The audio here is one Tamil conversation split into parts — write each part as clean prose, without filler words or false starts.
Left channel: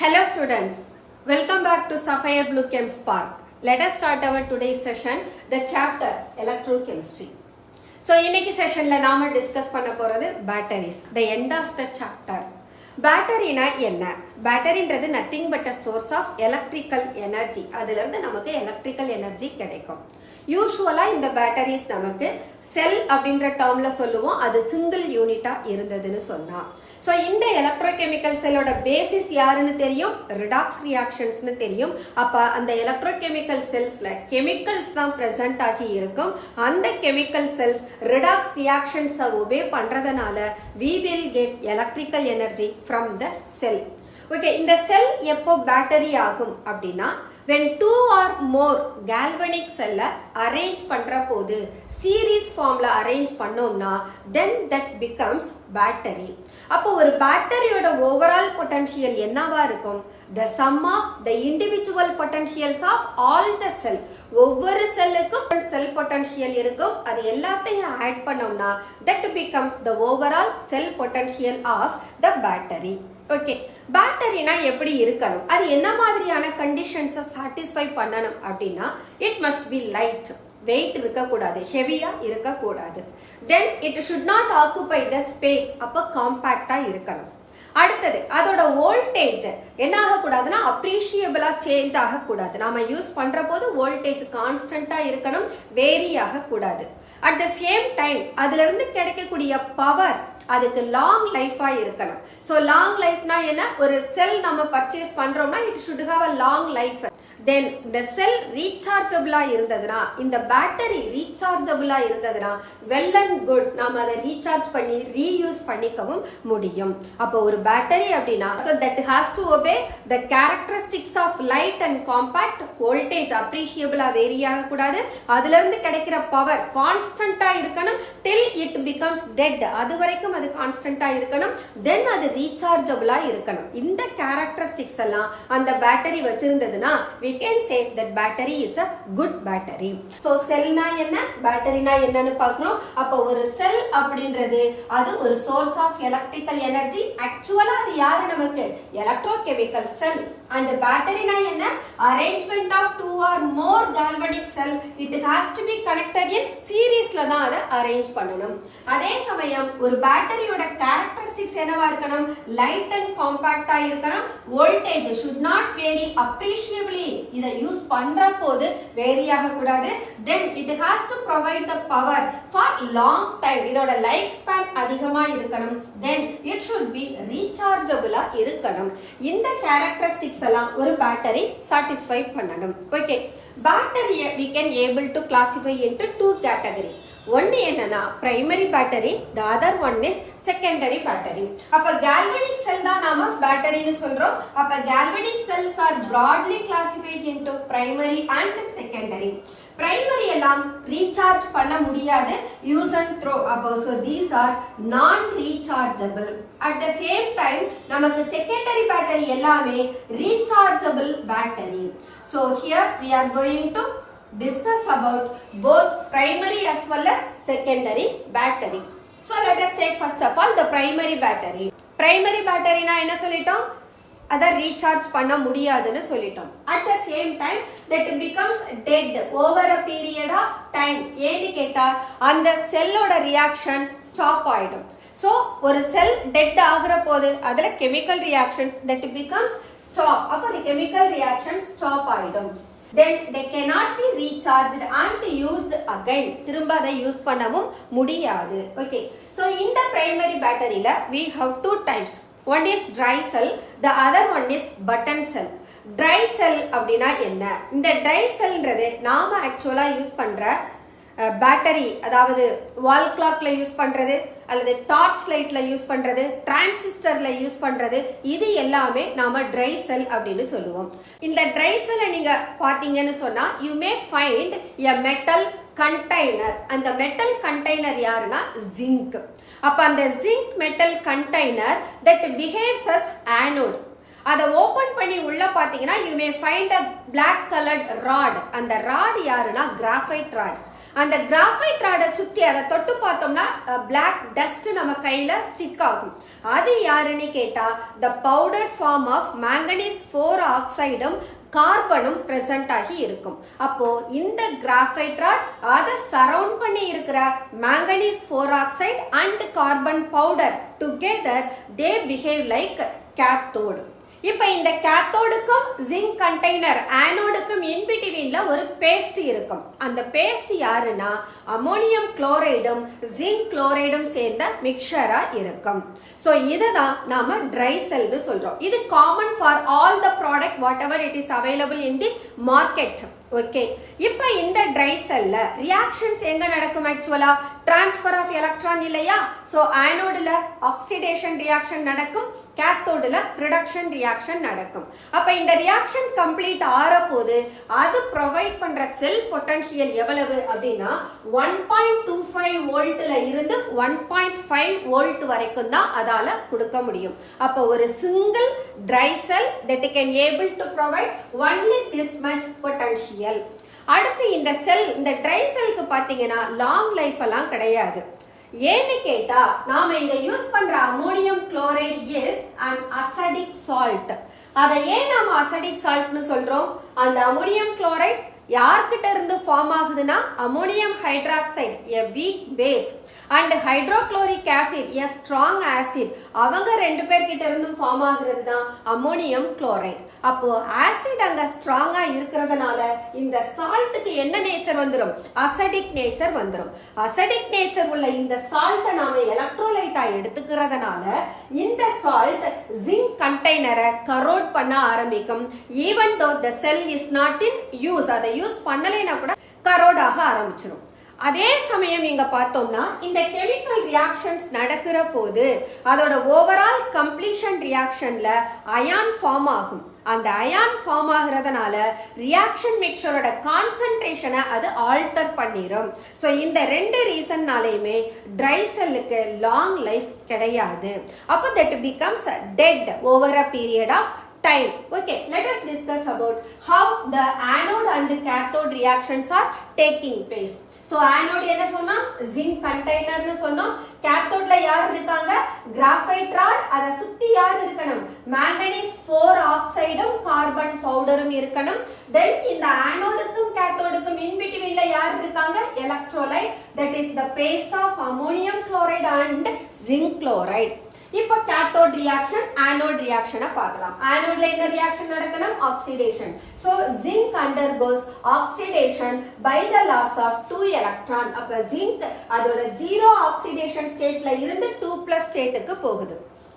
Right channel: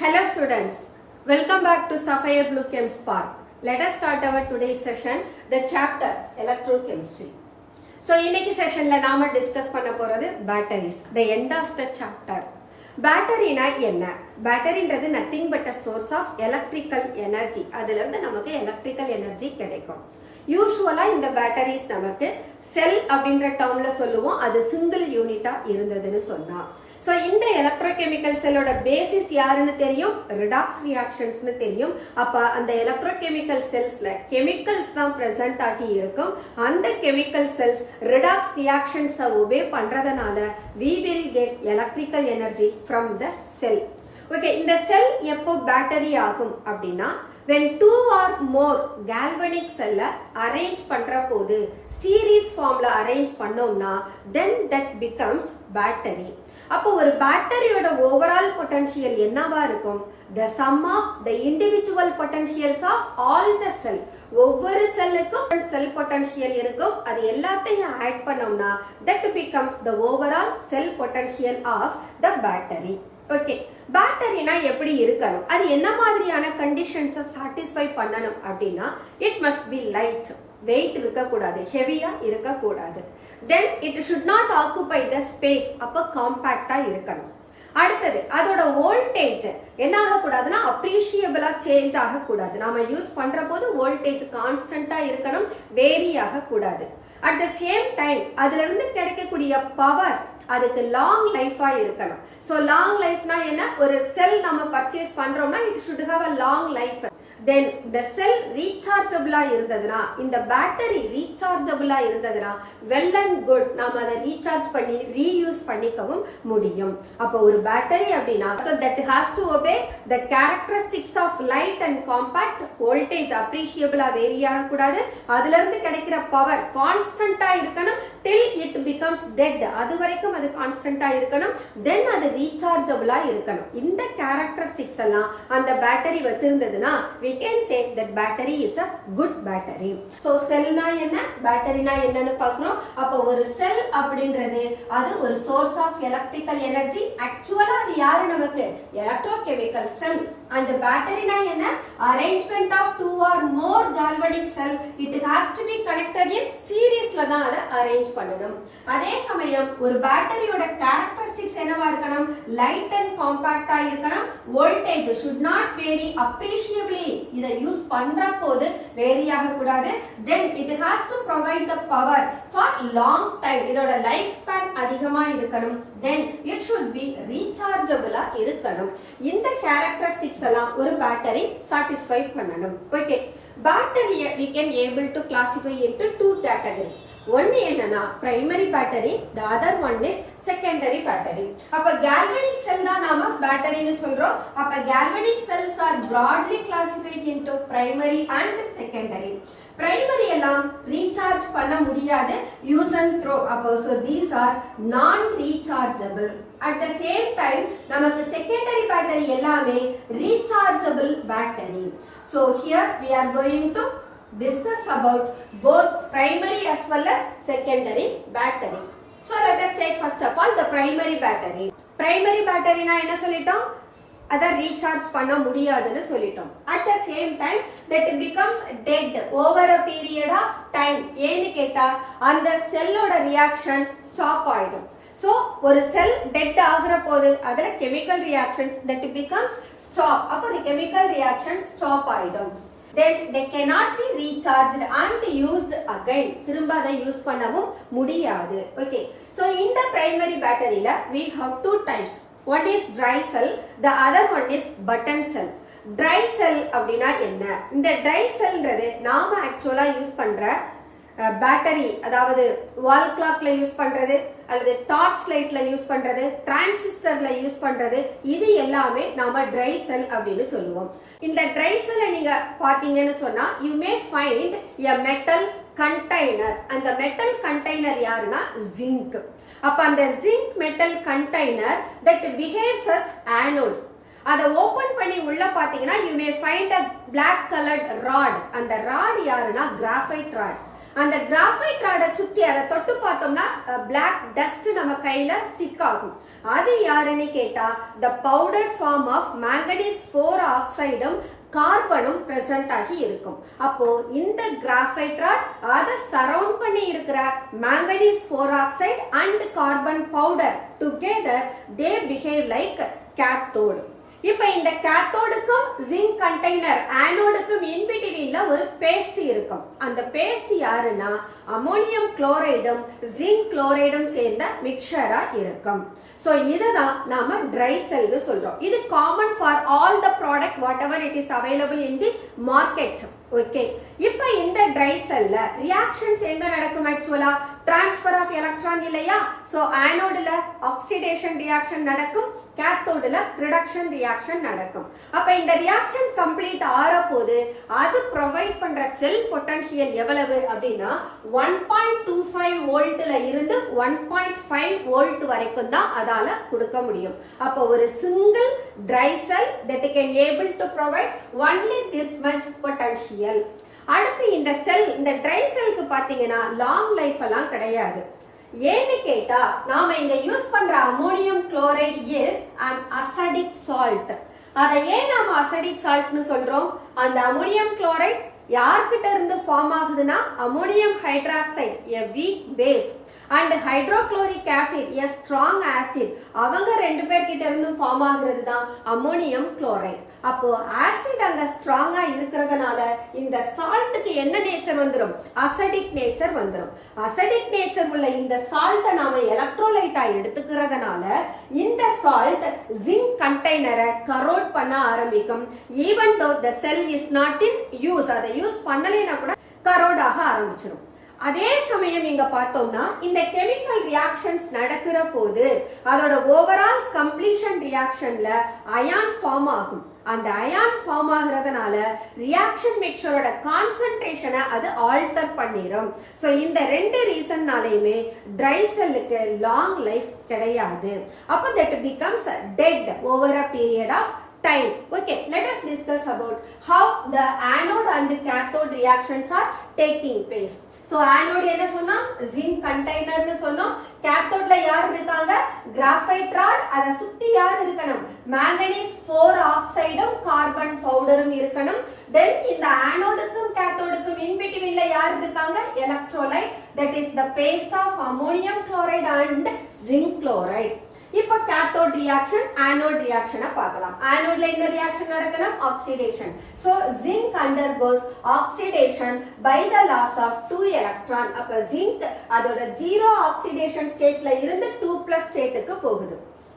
Hello students, welcome back to Sapphire Blue Chem Spark. Let us start our today's session, the chapter Electrochemistry. So, இன்னைக்கு செஷன்ல நாம டிஸ்கஸ் பண்ண போறது batteries, the end of the chapter. பேட்டரினா என்ன? பேட்டரின்றது nothing but a source of electrical energy. அதுல இருந்து நமக்கு எலக்ட்ரிக்கல் எனர்ஜி கிடைக்கும். யூஸ்வலா இந்த பேட்டரிஸ் நமக்கு செல் அப்படின்ற டேர்ம்ல சொல்லுவோம். அது சிங்கிள் யூனிட்டா இருந்ததுன்னு சொன்னா. ஸோ இந்த எலக்ட்ரோகெமிக்கல் செல்லோட பேசிஸ் யாருன்னு தெரியும்? ரிடாக்ஸ் ரியாக்ஷன்ஸ்னு தெரியும். அப்போ அந்த எலக்ட்ரோகெமிக்கல் செல்ஸ்ல கெமிக்கல்ஸ் தான் ப்ரெசென்ட் ஆகி இருக்கும். அந்த கெமிக்கல் செல்ஸ் ரிடாக்ஸ் ரியாக்ஷன்ஸை ஒபே பண்றதுனால we will get electrical energy from the cell. Okay, இந்த செல் எப்போ பேட்டரி ஆகும் அப்படின்னா when two or more galvanic cell arrange பண்ற போது சீரீஸ் ஃபார்ம்ல அரேஞ்ச் பண்ணோம்னா then that becomes battery. அப்போ ஒரு பேட்டரியோட ஓவரால் பொட்டன்ஷியல் என்னவா இருக்கும்? the sum of the individual potentials of all the cell. ஒவ்வொரு செல்லுக்கும் செல் பொட்டன்ஷியல் இருக்கும். அது எல்லாத்தையும் ஆட் பண்ணோம்னா that becomes the overall cell potential of the battery. Okay, பேட்டரினா எப்படி இருக்கணும்? அது என்ன மாதிரியான கண்டிஷன்ஸை சாட்டிஸ்ஃபை பண்ணணும் அப்படின்னா it must be light, weight இருக்கக்கூடாது, ஹெவியா இருக்கக்கூடாது. Then it should not occupy the space, அப்போ காம்பேக்டா இருக்கணும். அடுத்தது அதோட வோல்டேஜ் என்ன ஆகக்கூடாதுன்னா அப்ரீஷியபிளா சேஞ்ச் ஆகக்கூடாது. நாம யூஸ் பண்ற போது வோல்டேஜ் கான்ஸ்டன்டா இருக்கணும், வேரி ஆகக்கூடாது. அட் த சேம் டைம் அதுல இருந்து கிடைக்கக்கூடிய பவர் அதுக்கு லாங் லைஃபா இருக்கணும். ஸோ லாங் லைஃப்னா என்ன? ஒரு செல் நம்ம பர்ச்சேஸ் பண்றோம்னா it should have a long life. Then இந்த செல் ரீசார்ஜபிளா இருந்ததுன்னா, இந்த பேட்டரி ரீசார்ஜபிளா இருந்ததுன்னா வெல் அண்ட் குட், நாம அதை ரீசார்ஜ் பண்ணி ரீயூஸ் பண்ணிக்கவும் முடியும். அப்போ ஒரு பேட்டரி அப்படின்னா so that has to obey the characteristics of light and compact, voltage appreciably vary ஆகக்கூடாது, அதுல இருந்து கிடைக்கிற பவர் கான்ஸ்டன்டா இருக்கணும் till it becomes dead, அது வரைக்கும் அது கான்ஸ்டன்டா இருக்கணும். தென் அது ரீசார்ஜபிளா இருக்கணும். இந்த கேரக்டரிஸ்டிக்ஸ் எல்லாம் அந்த battery வச்சிருந்ததுன்னா we can say that battery is a good battery. So செல்னா என்ன, பேட்டரினா என்னன்னு பார்க்கணும். அப்போ ஒரு செல் அப்படின்றது அது ஒரு சோர்ஸ் ஆஃப் எலக்ட்ரிக்கல் எனர்ஜி. ஆக்சுவலா அது யாரு நமக்கு? Electrochemical sell. அண்ட் பேட்டரினா என்ன? Arrangement of two or more galvanic cell. It has to be connected in சீரீஸ்ல தான் அதை அரேஞ்ச் பண்ணணும். அதே சமயம் ஒரு பேட்டரியோட கேரக்டரிஸ்டிக்ஸ் என்னவா இருக்கணும்? லைட் அண்ட் காம்பாக்டா இருக்கணும். Voltage should not vary appreciably, இதை யூஸ் பண்ற போது வேரி ஆகக்கூடாது. Then it has to provide the power for long time, இதோட லைஃப் ஸ்பேன் அதிகமா இருக்கணும். தென் இட் ஷுட் பி ரீசார்ஜபிளா இருக்கணும். இந்த கேரக்டரிஸ்டிக்ஸ் எல்லாம் ஒரு பேட்டரி சாட்டிஸ்ஃபை பண்ணணும். ஓகே, பேட்டரியை we can able to classify into two category. ஒன்னு என்னன்னா primary battery, the other one is secondary battery. அப்ப galvanic cell தான் நாம பேட்டரின்னு சொல்றோம். அப்ப galvanic cells are broadly classified into primary and secondary. Primary எல்லாம் ரீசார்ஜ் பண்ண முடியாது, யூஸ் அண்ட் த்ரோ. அப்போ so these are non rechargeable. at the same time நமக்கு secondary battery எல்லாமே rechargeable battery. so here we are going to discuss about both primary as well as secondary battery. So let us take first of all the primary battery. Primary battery na என்ன சொல்லிட்டோம்? அதை ரீசார்ஜ் பண்ண முடியாதுன்னு சொல்லிட்டோம். at the same time that it becomes dead over a period of time. ஏன்னு கேட்டா அந்த செல்லோட ரியாக்ஷன் ஸ்டாப் ஆயிடும். ஸோ ஒரு செல் டெட் ஆகுற போது அதுல chemical reactions that becomes stop. அப்போ கெமிக்கல் ரியாக்ஷன் ஸ்டாப் ஆயிடும். then they cannot be recharged and used again. திரும்ப அதை யூஸ் பண்ணவும் முடியாது. ஓகே, so இந்த primary பேட்டரியில we have two types. one is dry cell, the other one is button cell. dry cell அப்படின்னா என்ன? இந்த dry cellன்றது நாம ஆக்சுவலா யூஸ் பண்ற பேட்டரி, அதாவது வால் கிளாக்ல யூஸ் பண்றது அல்லது டார்ச் லைட்ல யூஸ் பண்றது, டிரான்சிஸ்டர்ல யூஸ் பண்றது, இது எல்லாமே நாம ட்ரை செல் அப்படின்னு சொல்லுவோம். இந்த ட்ரை செல்லை நீங்க பாத்தீங்கன்னு சொன்னா you may find a metal container. அந்த மெட்டல் கண்டெய்னர் யாருன்னா zinc. அப்ப அந்த zinc metal container that behaves as anode. அதை ஓபன் பண்ணி உள்ள பாத்தீங்கன்னா you may find a black colored rod. அந்த ராட் யாருன்னா graphite rod. அந்த கிராஃபைட் ராடை சுற்றி அதை தொட்டு பார்த்தோம்னா பிளாக் டஸ்ட் நம்ம கையில ஸ்டிக் ஆகும். அது யாருன்னு கேட்டா the powdered form of manganese 4 ஆக்சைடும் கார்பனும் present ஆகி இருக்கும். அப்போ இந்த கிராஃபைட் ராட் அதை சரவுண்ட் பண்ணி இருக்கிற manganese 4 oxide and carbon powder together they behave like cathode. இப்போ இந்த கேத்தோடுக்கும் ஜிங்க் கண்டெய்னர் ஆனோடுக்கும் இன்பிட்வீன்ல ஒரு பேஸ்ட் இருக்கும். அந்த பேஸ்ட் யாருன்னா அமோனியம் குளோரைடும் ஜிங்க் குளோரைடும் சேர்ந்த மிக்சரா இருக்கும். ஸோ இதுதான் நாம ட்ரை செல்னு சொல்றோம். இது common for all the product what ever it is available in the market. Okay, இப்போ இந்த ட்ரை செல்ல ரியாக்ஷன்ஸ் எங்க நடக்கும்? ஆக்சுவலா டிரான்ஸ்ஃபர் ஆஃப் எலக்ட்ரான் இல்லையா? ஸோ ஆனோடுல ஆக்சிடேஷன் ரியாக்ஷன் நடக்கும், கேத்தோடுல ரிடக்ஷன் ரியாக்ஷன் நடக்கும். அப்ப இந்த ரியாக்ஷன் கம்ப்ளீட் ஆற போது அது ப்ரொவைட் பண்ற செல் பொட்டன்ஷியல் எவ்வளவு அப்படின்னா 1.25 வோல்ட்ல இருந்து 1.5 வோல்ட் வரைக்கும் தான் அதால கொடுக்க முடியும். அப்போ ஒரு single dry cell that can able to provide only this much potential. அடுத்து இந்த செல், இந்த ட்ரை செல்க்கு பாத்தீங்கன்னா லாங் லைஃப் எல்லாம் கிடையாது. ஏன்னு கேட்டா நாம இங்க யூஸ் பண்ற ammonium chloride is an acidic salt. அதை ஏன் நாம அசிடிக் சால்ட்னு சொல்றோம்? அந்த அமோனியம் குளோரைடு யார்கிட்ட இருந்து ஃபார்ம் ஆகுதுன்னா ammonium hydroxide a weak base and hydrochloric acid a strong acid. அவங்க ரெண்டு பேர்கிட்ட இருந்து ஃபார்ம் ஆகுறது தான் அமோனியம் குளோரைடு. அப்போ ஆசிட் அங்க ஸ்ட்ராங்கா இருக்கிறதுனால இந்த சால்ட்டுக்கு என்ன நேச்சர் வந்துடும்? அசிடிக் நேச்சர் வந்துடும். அசிடிக் நேச்சர் உள்ள இந்த சால்ட்டை நாம எலக்ட்ரோலைட்டா எடுத்துக்கிறதுனால இந்த சால்ட் ஜிங்க் கண்டெய்னரை கரோட் பண்ண ஆரம்பிக்கும். Even though the sell is not in use, அதை யூஸ் பண்ணலைன்னா கூட கரோட் ஆக ஆரம்பிச்சிடும். அதே சமயம் இங்க பார்த்தோம்னா இந்த கெமிக்கல் ரியாக்ஷன்ஸ் நடக்கிற போது அதோட ஓவரால் கம்ப்ளீஷன் ரியாக்ஷன்ல அயான் ஃபார்ம் ஆகும். அந்த அயான் ஃபார்ம் ஆகிறதுனால ரியாக்ஷன் மிக்சரோட கான்சன்ட்ரேஷனை அது ஆல்டர் பண்ணிடும். ஸோ இந்த ரெண்டு ரீசன்னாலையுமே ட்ரை செல்லுக்கு லாங் லைஃப் கிடையாது. அப்போ that becomes dead over a period of time. Okay, let us discuss about how the anode and the cathode reactions are taking place. So anode என்ன சொன்னா zinc container னு சொன்னோம். கேத்தோட்ல யார் இருக்காங்க? Graphite rod. அத சுத்தி யார் இருக்கணும்? manganese 4 ஆக்சைடும் கார்பன் பவுடரும் இருக்கணும். then இந்த ஆனோடுக்கும் கேத்தோடுக்கும் in betweenல யார் இருக்காங்க? Electrolyte, that is the paste of ammonium chloride and zinc chloride. இப்போ கேத்தோட் ரியாக்ஷன் ஆனோட் ரியாக்ஷனை பார்க்கலாம். ஆனோட்ல என்ன ரியாக்ஷன் நடக்கணும்? Oxidation. So zinc undergoes oxidation by the loss of 2 electron. அப்ப ஜிங்க் அதோட 0 ஆக்சிடேஷன் ஸ்டேட்ல இருந்து 2+ ஸ்டேட்டுக்கு போகுது.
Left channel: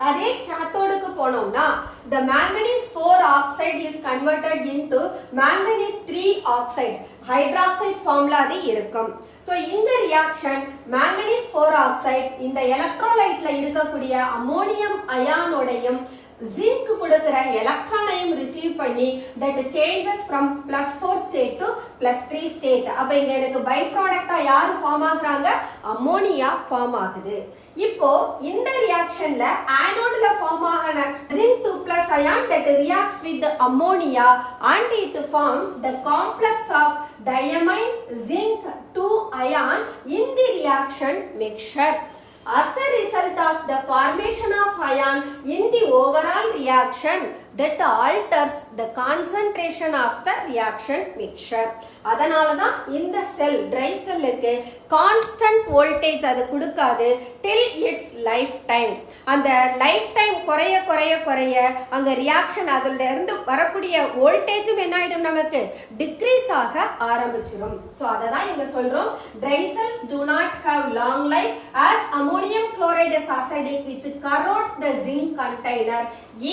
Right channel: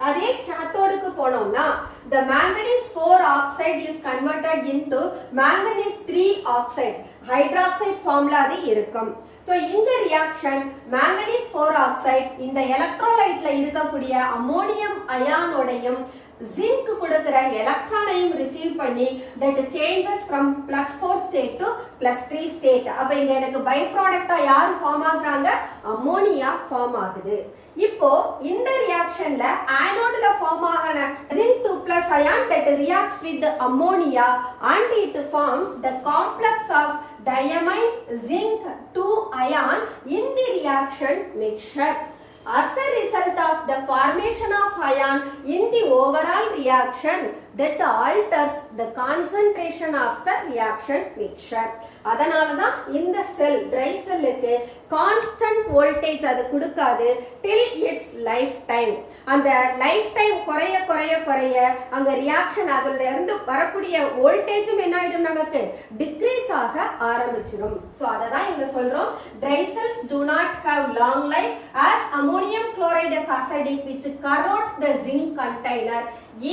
அதே கேத்தோடுக்கு போனோம்னா the manganese 4 oxide is converted into manganese 3 oxide. Hydroxide ஃபார்ம்ல அது இருக்கும். So இந்த ரியாக்ஷன் manganese 4 oxide இந்த எலக்ட்ரோலைட்ல இருக்கக்கூடிய அமோனியம் அயானோடையும் ஜிங்க் கொடுக்கிற எலக்ட்ரானையும் ரிசீவ் பண்ணி that changes from +4 state to +3 state. அப்ப இங்க எனக்கு பை ப்ராடக்ட்டா யார் ஃபார்ம் ஆகுறாங்க? அமோனியா ஃபார்ம் ஆகுது. இப்போ இந்த ரியாக்ஷன்ல ஆனோட்ல ஃபார்ம் ஆன zinc 2+ ion that reacts with the ammonia and it forms the complex of diamine zinc 2 ion in the reaction mixture. As a result of the formation of ion in the overall reaction that alters the concentration of the reaction mixture. அதனால தான் இந்த செல் ட்ரை செல்லுக்கு கான்ஸ்டன்ட் வோல்டேஜ் அது கொடுக்காது till its லைஃப் டைம். அந்த லைஃப் டைம் குறைய குறைய குறைய அங்க ரியாக்ஷன் அதோட இருந்து வரக்கூடிய வோல்டேஜும் என்ன ஆயிடும்? நமக்கு டிக்ரீஸ் ஆக ஆரம்பிச்சிடும். ஸோ அதை தான் இங்க சொல்றோம் dry cells do not have long life as ammonium chloride is acidic which corrodes the zinc container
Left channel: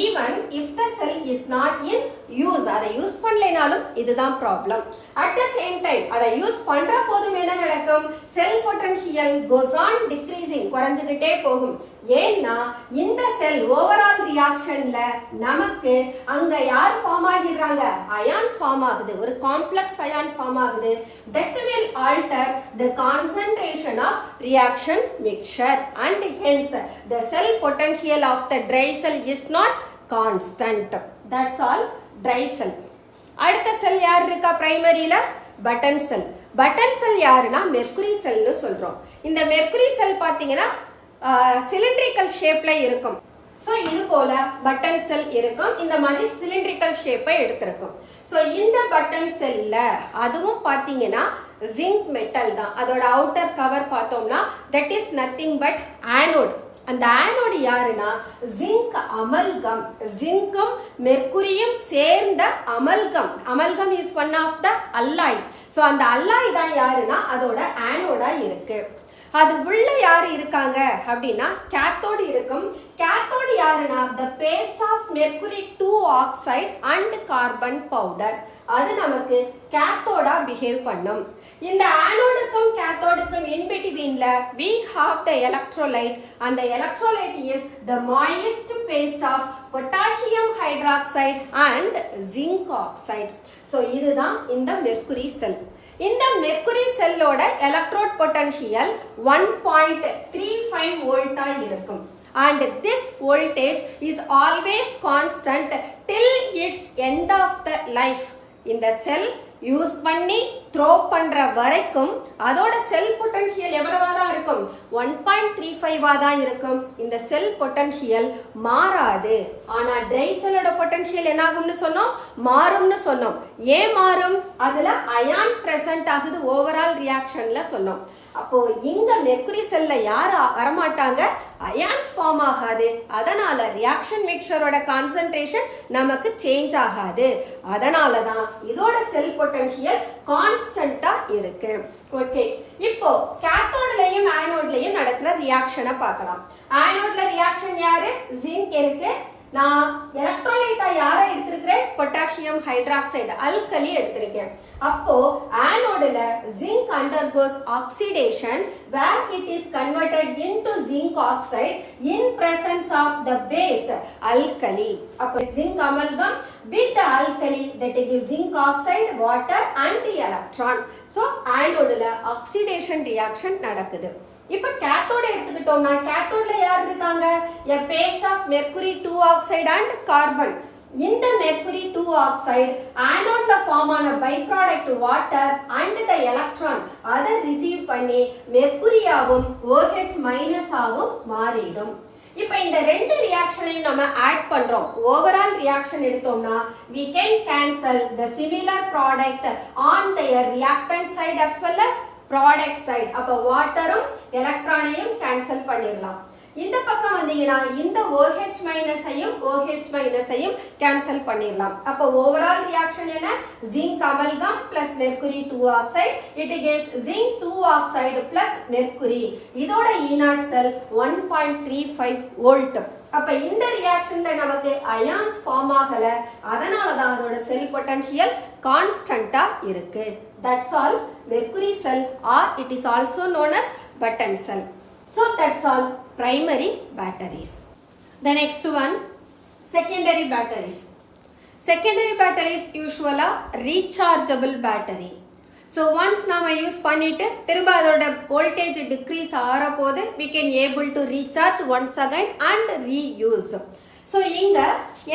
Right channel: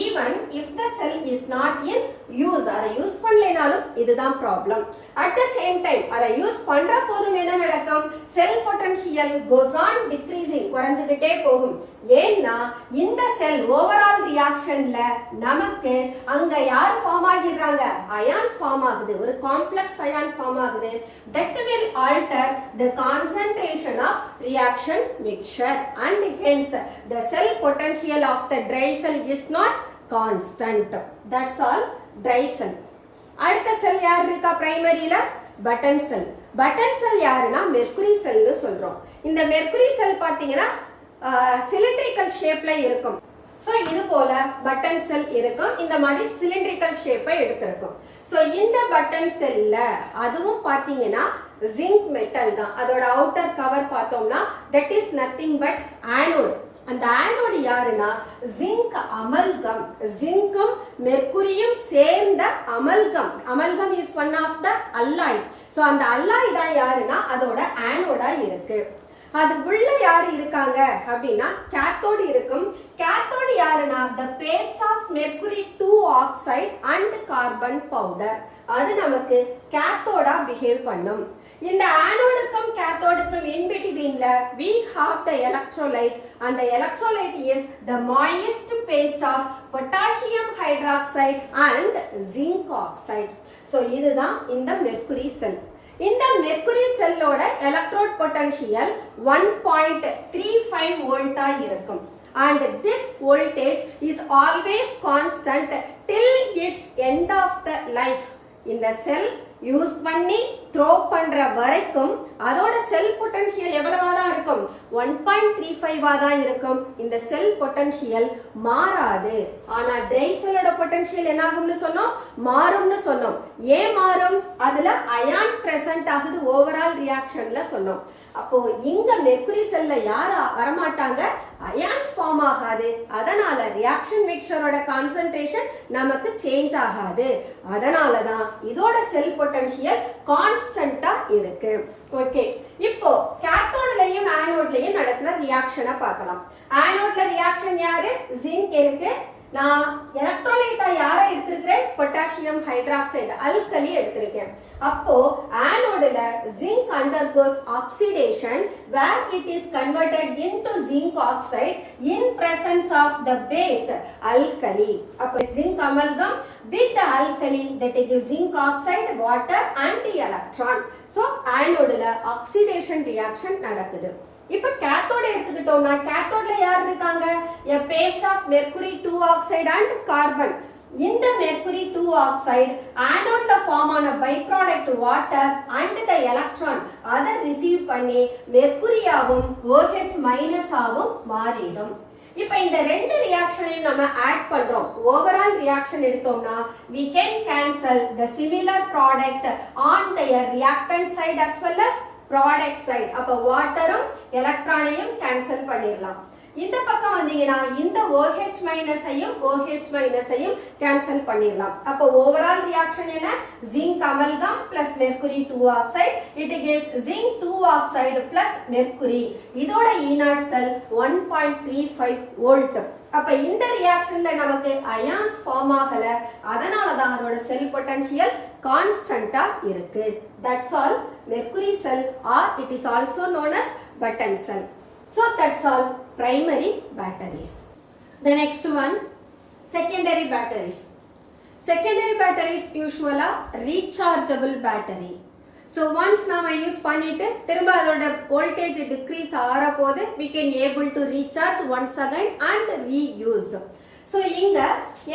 even if the cell is not in use. அதை யூஸ் பண்ணலைனாலும் இதுதான் problem. at the same time அதை யூஸ் பண்ற போதும் என்ன நடக்கும்? செல் பொட்டன்ஷியல் goes on decreasing, குறைஞ்சிக்கிட்டே போகும். ஏன்னா இந்த செல் ஓவரால் ரியாக்ஷன்ல நமக்கு அங்க யார் ஃபார்ம் ஆகிடுறாங்க? அயான் ஃபார்ம் ஆகுது, ஒரு காம்ப்ளெக்ஸ் அயான் ஃபார்ம் ஆகுது. that will alter the concentration of reaction mixture and hence the cell potential of the dry cell is not constant. That's all dry cell. அடுத்த செல் யார் இருக்கா? பிரைமரியில பட்டன் செல். பட்டன் செல் யாருன்னா மெர்க்குரி செல்னு சொல்றோம். இந்த மெர்க்குரி செல் பாத்தீங்கன்னா சிலிண்ட்ரிக்கல் ஷேப்ல இருக்கும். ஸோ இது போல பட்டன் செல் இருக்கும். இந்த மாதிரி சிலிண்ட்ரிக்கல் ஷேப்பை எடுத்திருக்கும். ஸோ இந்த பட்டன் செல்ல அதுவும் பார்த்தீங்கன்னா ஜிங்க் மெட்டல் தான். அதோட அவுட்டர் கவர் பார்த்தோம்னா that is nothing but anode. அந்த ஆனோடு யாருன்னா ஜிங்க் அமல்கம். ஜிங்கும் மெர்க்குரியும் சேர்ந்த amalgam. Amalgam is one of the alloy. So அந்த அல்லாய் தான் யாருன்னா அதோட ஆனோடா இருக்கு. அது உள்ள யாரு இருக்காங்க அப்படின்னா கேத்தோடு இருக்கும். கேத்தோடு யாருன்னா the paste of mercury 2 oxide and carbon powder. அது நமக்கு கேத்தோடா பிஹேவ் பண்ணும். இந்த ஆனோடுக்கும் கேத்தோடுக்கும் in betweenல we have the electrolyte and the electrolyte is the moist paste of potassium hydroxide and zinc oxide. So இதுதான் இந்த மெர்க்குரி செல். இந்த மெர்க்குரி செல்லோட எலக்ட்ரோட் பொட்டன்ஷியல் 1.35 வோல்ட்டா இருக்கும். And this voltage is always constant till its end of the life. இந்த செல் யூஸ் பண்ணி த்ரோ பண்ற வரைக்கும் அதோட செல் பொட்டன்ஷியல் எவ்வளவா தான் இருக்கும்? 1.35 தான் இருக்கும். இந்த செல் பொட்டன்ஷியல் மாறாது. ஆனா ட்ரை செல்லோட பொட்டன்ஷியல் என்ன ஆகும்னு சொன்னோம்? மாறும்னு சொன்னோம். ஏன் மாறும்? அதுல அயான் பிரசன்ட் ஆகுது ஓவரால் ரியாக்ஷன்ல சொன்னோம். அப்போ இங்க மெர்க்குரி செல்ல யார் வரமாட்டாங்க? அயான்ஸ் ஃபார்ம் ஆகாது. அதனால ரியாக்ஷன் மிக்சரோட கான்சென்ட்ரேஷன் நமக்கு சேஞ்ச் ஆகாது. அதனால தான் இதோட செல் பொட்டன்ஷியல் கான்ஸ்டன்டா இருக்கு. ஓகே, இப்போ கேத்தோட்லயும் ஆனோட்லயும் நடக்கிற ரியாக்ஷனை பார்க்கலாம். ஆனோட்ல ரியாக்ஷன் யாரு? ஜிங்க் இருக்கு. நான் எலக்ட்ரோலைட்டா யாரை எடுத்திருக்கிறேன்? பொட்டாசியம் ஹைட்ராக்சைடு அல்கலி எடுத்திருக்கேன். அப்போ ஆனோடுல zinc undergoes oxidation where it is converted into zinc oxide in presence of the base alkali. அப்போ zinc amalgam with the alkali that gives zinc oxide, water and electron. So ஆனோடுல oxidation reaction நடக்குது. இப்போ கேத்தோட எடுத்துக்கிட்டோம்னா கேத்தோட்ல யார் இருக்காங்க? a paste of mercury 2 oxide and carbon. இந்த mercury 2 oxide ஆனோட்ல ஃபார்ம் ஆன by product water and the electron அதை ரிசீவ் பண்ணி மெர்க்குரியாவும் OH மைனஸ் ஆகும் மாறிடும். இப்போ இந்த ரெண்டு ரியாக்ஷனையும் நம்ம ஆட் பண்றோம். ஓவரால் ரியாக்ஷன் எடுத்தோம்னா we can cancel the similar product on their reactant side as well as product side. அப்போ வாட்டரும் எலக்ட்ரானையும் கேன்சல் பண்ணிடலாம். இந்த பக்கம் வந்தீங்கன்னா இந்த OH மைனஸையும் OH மைனஸையும் கேன்சல் பண்ணிடலாம். அப்போ ஓவரால் ரியாக்ஷன் என்ன? Zinc amalgam plus mercury 2 oxide. It gives zinc 2 oxide plus mercury. இதோட ஈனாட் செல் 1.35 வோல்ட். அப்ப இந்த ரியாக்ஷன்ல நமக்கு அயான்ஸ் ஃபார்ம் ஆகல. அதனால தான் அதோட செல் பொட்டன்ஷியல் கான்ஸ்டன்ட்டா இருக்கு. That's all mercury sell R it is also known as button cell. So that's all primary batteries. The next one, secondary batteries. Secondary batteries usually rechargeable battery. So once நாம யூஸ் பண்ணிட்டு திரும்ப அதோட voltage decrease ஆற போது we can able to recharge once again and reuse. So இங்க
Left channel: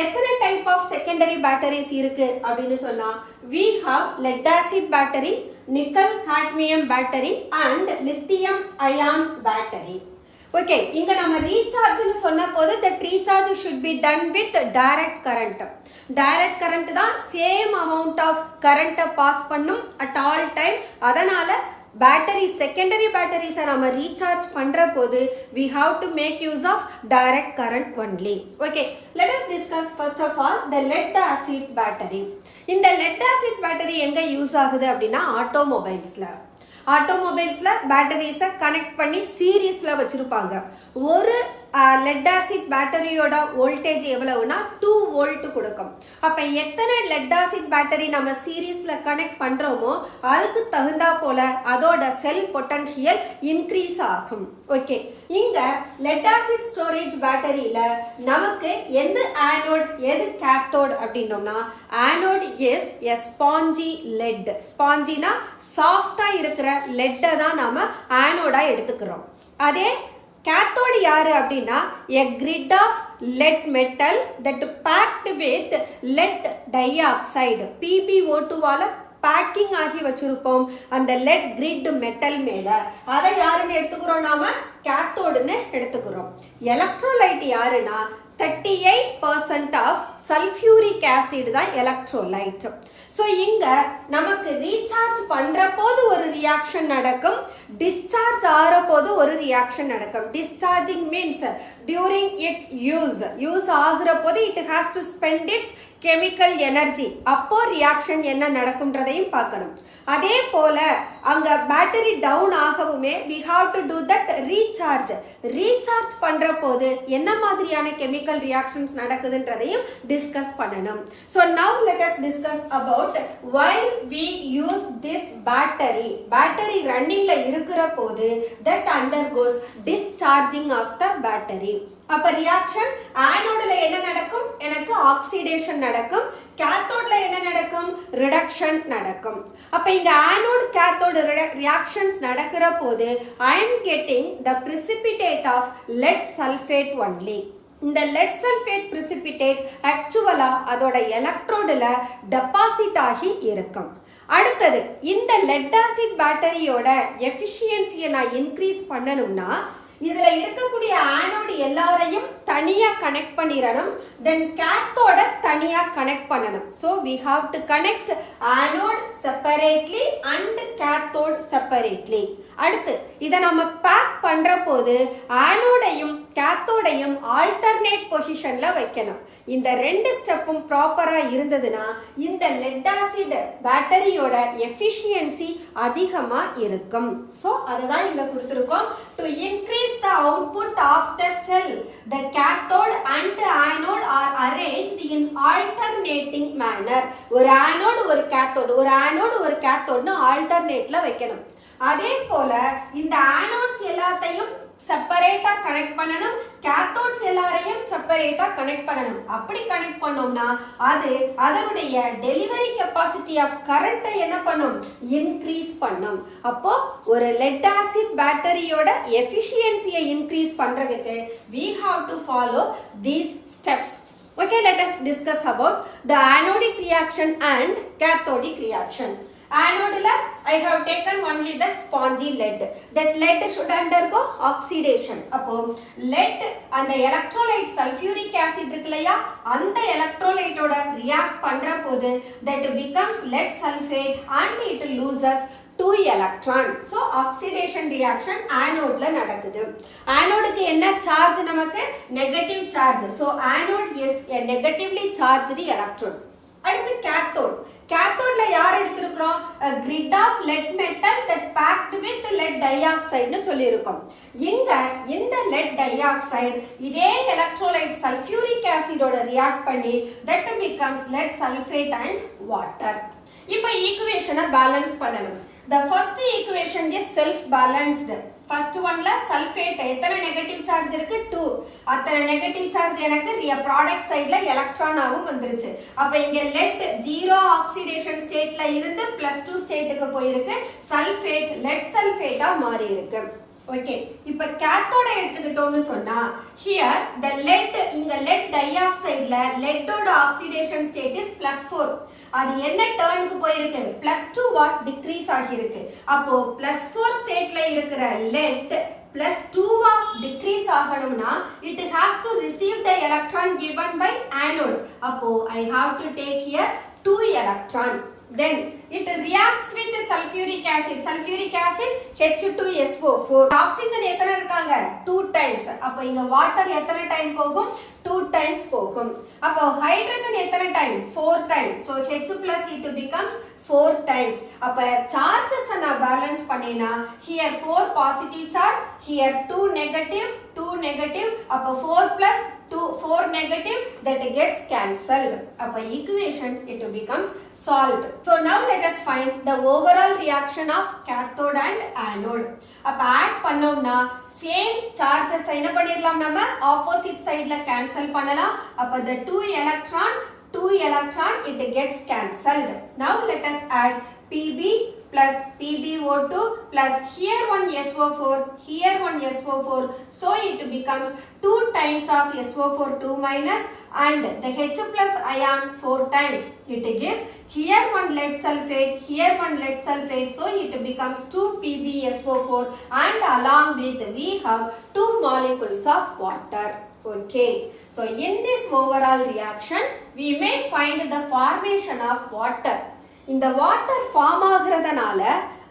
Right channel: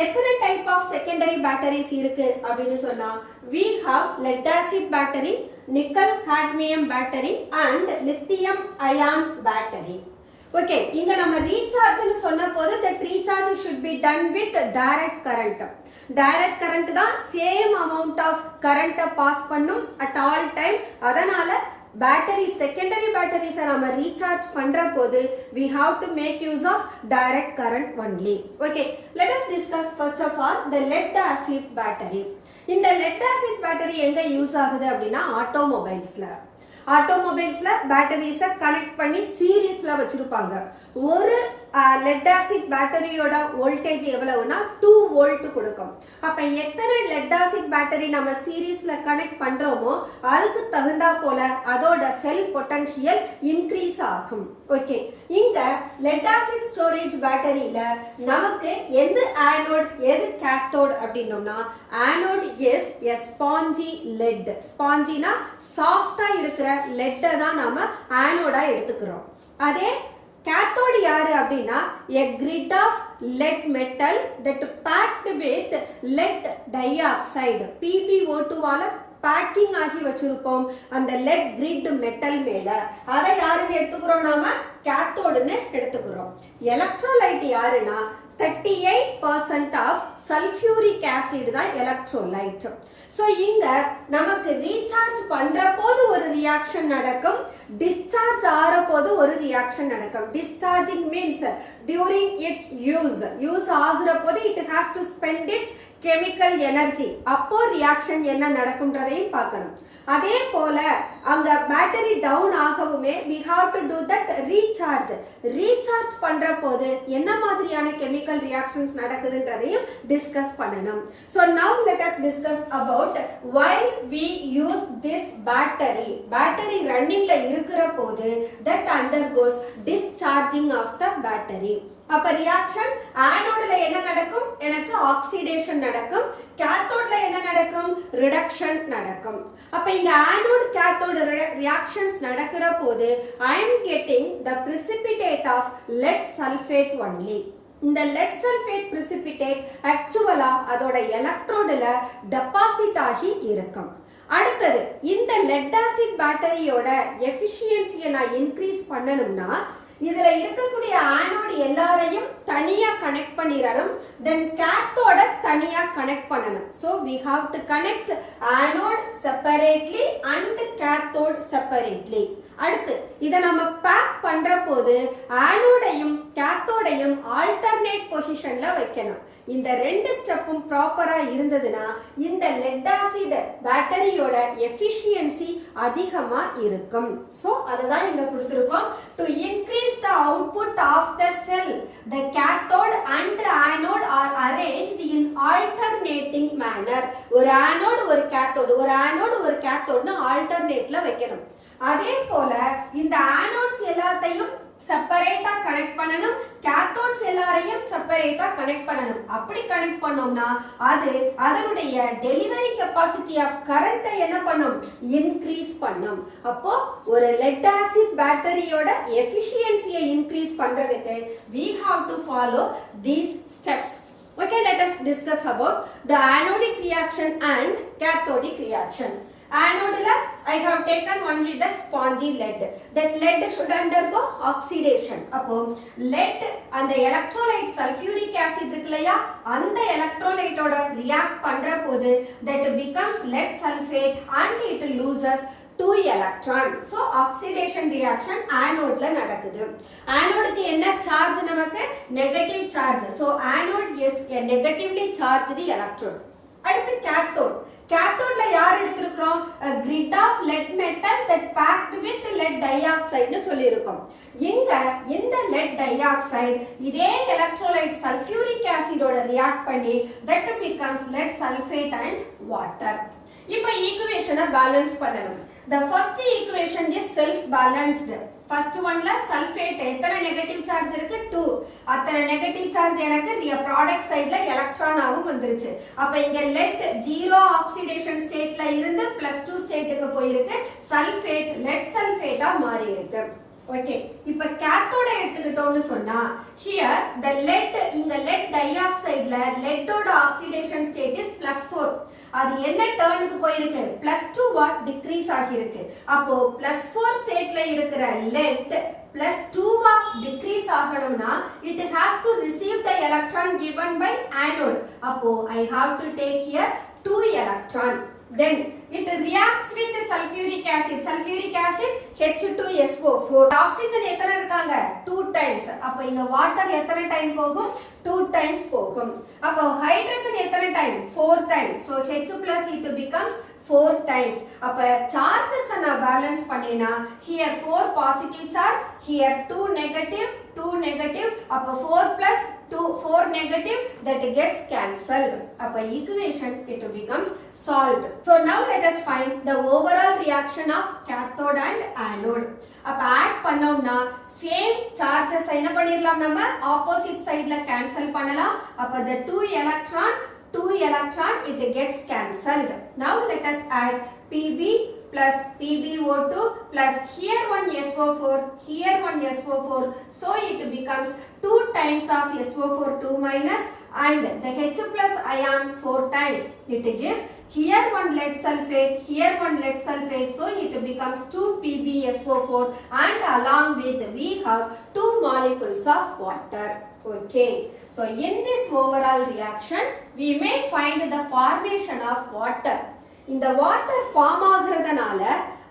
எத்தனை type of secondary batteries இருக்கு அப்படின்னு சொன்னா we have lead acid battery, nickel cadmium battery and lithium ion battery. Okay, இங்க நம்ம ரீசார்ஜ்னு சொன்ன போது that recharge should be done with direct current. direct current தான் same amount of current pass பண்ணும் at all time. அதனால பேட்டரி செகண்டரி பேட்டரிஸை நம்ம ரீசார்ஜ் பண்ற போது we have to make use of direct current only. Okay, let us discuss first of all the lead acid battery. இந்த lead acid battery எங்க யூஸ் ஆகுது அப்படின்னா ஆட்டோமொபைல்ஸ்ல பேட்டரிஸை கனெக்ட் பண்ணி சீரீஸ்ல வச்சிருப்பாங்க. ஒரு லெட் ஆசிட் பேட்டரியோட வோல்டேஜ் எவ்வளவுனா 2 வோல்ட் கொடுக்கும். அப்ப எத்தனை லெட் ஆசிட் பேட்டரி நம்ம சீரீஸ்ல கனெக்ட் பண்றோமோ அதுக்கு தகுந்தா போல அதோட செல் பொட்டன்ஷியல் இன்க்ரீஸ் ஆகும். ஓகே, இங்க லெட் ஆசிட் ஸ்டோரேஜ் பேட்டரியில நமக்கு எந்த ஆனோட் எது கேத்தோட் அப்படின்னோம்னா anode is a spongy lead. ஸ்பாஞ்சினா சாஃப்டா இருக்கிற லெட்டை தான் நம்ம ஆனோடா எடுத்துக்கிறோம். அதே cathode யாரு அப்படின்னா a grid of lead metal that packed with lead dioxide PbO2 வால பேக்கிங் ஆகி வச்சிருப்போம் அந்த லெட் கிரிட் மெட்டல் மேல. அதை யாருன்னு எடுத்துக்கிறோம்? நாம கேத்தோடுன்னு எடுத்துக்கிறோம். எலக்ட்ரோலைட் யாருன்னா 38% ஆஃப் சல்ஃபியூரிக் ஆசிட் தான் எலக்ட்ரோலைட். ஸோ இங்க நமக்கு ரீசார்ஜ் பண்ற போது ஒரு ரியாக்ஷன் நடக்கும், டிஸ்சார்ஜ் ஆகிற போது ஒரு ரியாக்ஷன் நடக்கும். Discharging means during its use ஆகிற போது it has to spend its chemical energy. அப்போ ரியாக்ஷன் என்ன நடக்கும்ன்றதையும் பார்க்கணும். அதே போல அங்க பேட்டரி டவுன் ஆகவுமே we have to do that recharge பண்ற போது என்ன மாதிரியான கெமிக்கல் ரியாக்ஷன்ஸ் நடக்குதுன்றதையும் டிஸ்கஸ் பண்ணணும். So now let us discuss about why we use this battery ரன்னிங்ல இருக்கிற போது that undergoes discharging of the battery. அப்ப ரியாக்ஷன் ஆனோட்ல என்ன நடக்கும்? எனக்கு ஆக்சிடேஷன் நடக்கும். கேத்தோட்ல என்ன நடக்கும்? ரிடக்ஷன் நடக்கும். அப்ப இங்க ஆனோட் கேத்தோட் ரியாக்ஷன்ஸ் நடக்கிற போது I am getting the precipitate of lead sulfate only. இந்த லெட் சல்ஃபேட் precipitate ஆக்சுவலா அதோட எலக்ட்ரோடுல டெபாசிட் ஆகி இருக்கும். அடுத்தது இந்த லெட் ஆசிட் பேட்டரியோட எஃபிஷியன்சியை நான் இன்க்ரீஸ் பண்ணணும்னா இதுல இருக்கக்கூடிய ஆனோடு எல்லாரையும் தனியா கனெக்ட் பண்ணிடணும். தென் கேத்தோட தனியா கனெக்ட் பண்ணணும். So we have to connect anode separately and cathode separately. அடுத்து இதை நம்ம பேக் பண்ற போது ஆனோடையும் கேத்தோடையும் ஆல்டர்னேட் பொசிஷன்ல வைக்கணும். இந்த ரெண்டு ஸ்டெப்பும் ப்ராப்பரா இருந்ததுன்னா இந்த லெட் ஆசிட் பேட்டரியோட எஃபிஷியன்சி அதிகமா இருக்கும். ஸோ அதுதான் இங்க கொடுத்துருக்கோம். To increase the output of the cell, the cathode and anode are arranged in alternating manner. ஒரு ஆனோடு ஒரு கேத்தோடு, ஒரு ஆனோடு ஒரு கேத்தோடுன்னு ஆல்டர்னேட்ல வைக்கணும். அதே போல இந்த ஆனோட்ஸ் எல்லாத்தையும் செப்பரேட்டா கனெக்ட் பண்ணணும், கேத்தோட்ஸ் எல்லாரையும் செப்பரேட்டா கனெக்ட் பண்ணணும். அப்படி கனெக்ட் பண்ணோம்னா அது அதனுடைய டெலிவரி கெப்பாசிட்டி ஆஃப் கரண்ட்டை என்ன பண்ணும்? இன்க்ரீஸ் பண்ணும். அப்போ ஒரு லெட் ஆசிட் பேட்டரியோட எஃபிஷியன்சியை இன்க்ரீஸ் பண்றதுக்கு we have to follow these steps. Okay, let us discuss about the anodic reaction and cathodic reaction. Anode I have taken only the spongy lead. That lead should undergo oxidation. அப்போ lead அந்த electrolyte sulfuric acid இருக்குலையா, அந்த electrolyte ஓட react பண்ற போது that becomes lead sulfate and it loses 2 electron. So oxidation reaction anode நடக்குது. ஆனோடுக்கு என்ன சார்ஜ்? நமக்கு negative charge. So anode is a negatively charged electrode. அடுத்து கேத்தோட். கேத்தோட்ல யார் எடுத்திருக்கிறோம்? a grid of lead metal that packed with lead dioxide னு சொல்லியிருக்கோம். இங்க இந்த lead dioxide இதே எலக்ட்ரோலைட் சல்ஃபியூரிக் ஆசிடோட ரியாக்ட் பண்ணி that becomes lead sulfate and water. இப்போ ஈக்குவேஷனை பேலன்ஸ் பண்ணணும். the first equation is self balanced. First ஒன்ல சல்ஃபேட் எத்தனை நெகட்டிவ் சார்ஜ் இருக்கு? 2. அத்தனை நெகட்டிவ் சார்ஜ் எனக்கு ப்ராடக்ட் சைடுல எலக்ட்ரானாவும் வந்துருச்சு. அப்ப இங்க லெட் 0 ஆக்சிடேஷன் ஸ்டேட்ல இருந்து +2 ஸ்டேட்டுக்கு போயிருக்கு. சல்ஃபேட் லெட் சல்ஃபேட்டா மாறி இருக்கு. ஓகே, இப்ப கேத்தோட எடுத்துக்கிட்டோம்னு சொன்னா here the lead இங்க lead dioxideல leadோட ஆக்சிடேஷன் ஸ்டேட் இஸ் +4. அது என்ன டர்னுக்கு போயிருக்கு? +2 வாட் டிக்ரீஸ் ஆகியிருக்கு. அப்போ +4 ஸ்டேட்ல இருக்கிற lead +2 வாட் டிக்ரீஸ் ஆகணும்னா it has to receive the electron given by anode. அப்போ I have to take here 2 electron. Then it reacts with sulfuric acid. Sulfuric acid H2SO4. Oxygen எத்தனை இருக்காங்க? 2 times. அப்ப இங்க water எத்தனை டைம் போகும்? 2 times போகும். அப்ப hydrogen எத்தனை time? 4 times. So H plus it becomes 4 times. அப்ப charges நான் balance பண்ணினா here 4 positive charge, here 2 negative, 2 negative. அப்ப 4 plus 2, 4 negative, that gets cancelled. அப்ப equation it becomes solved. So now let us find the overall reaction of cathode and anode. அப்ப add பண்ணோம்னா same charges என்ன பண்ணிரலாம்? நம்ம opposite sideல cancel பண்ணலாம். அப்ப the 2 electron it gets cancelled. Now let us add Pb plus PbO2 plus here one SO4, here one SO4. So it becomes 2 times of SO4 2 minus and the H plus ion 4 times. It gives here one lead sulfate, here one lead sulfate. So it becomes 2 PbSO4 and along with we have 2 molecules of water. Okay. So in this overall reaction, we may find the formation of water. இந்த வாட்டர் ஃபார்ம் ஆகுறதுனால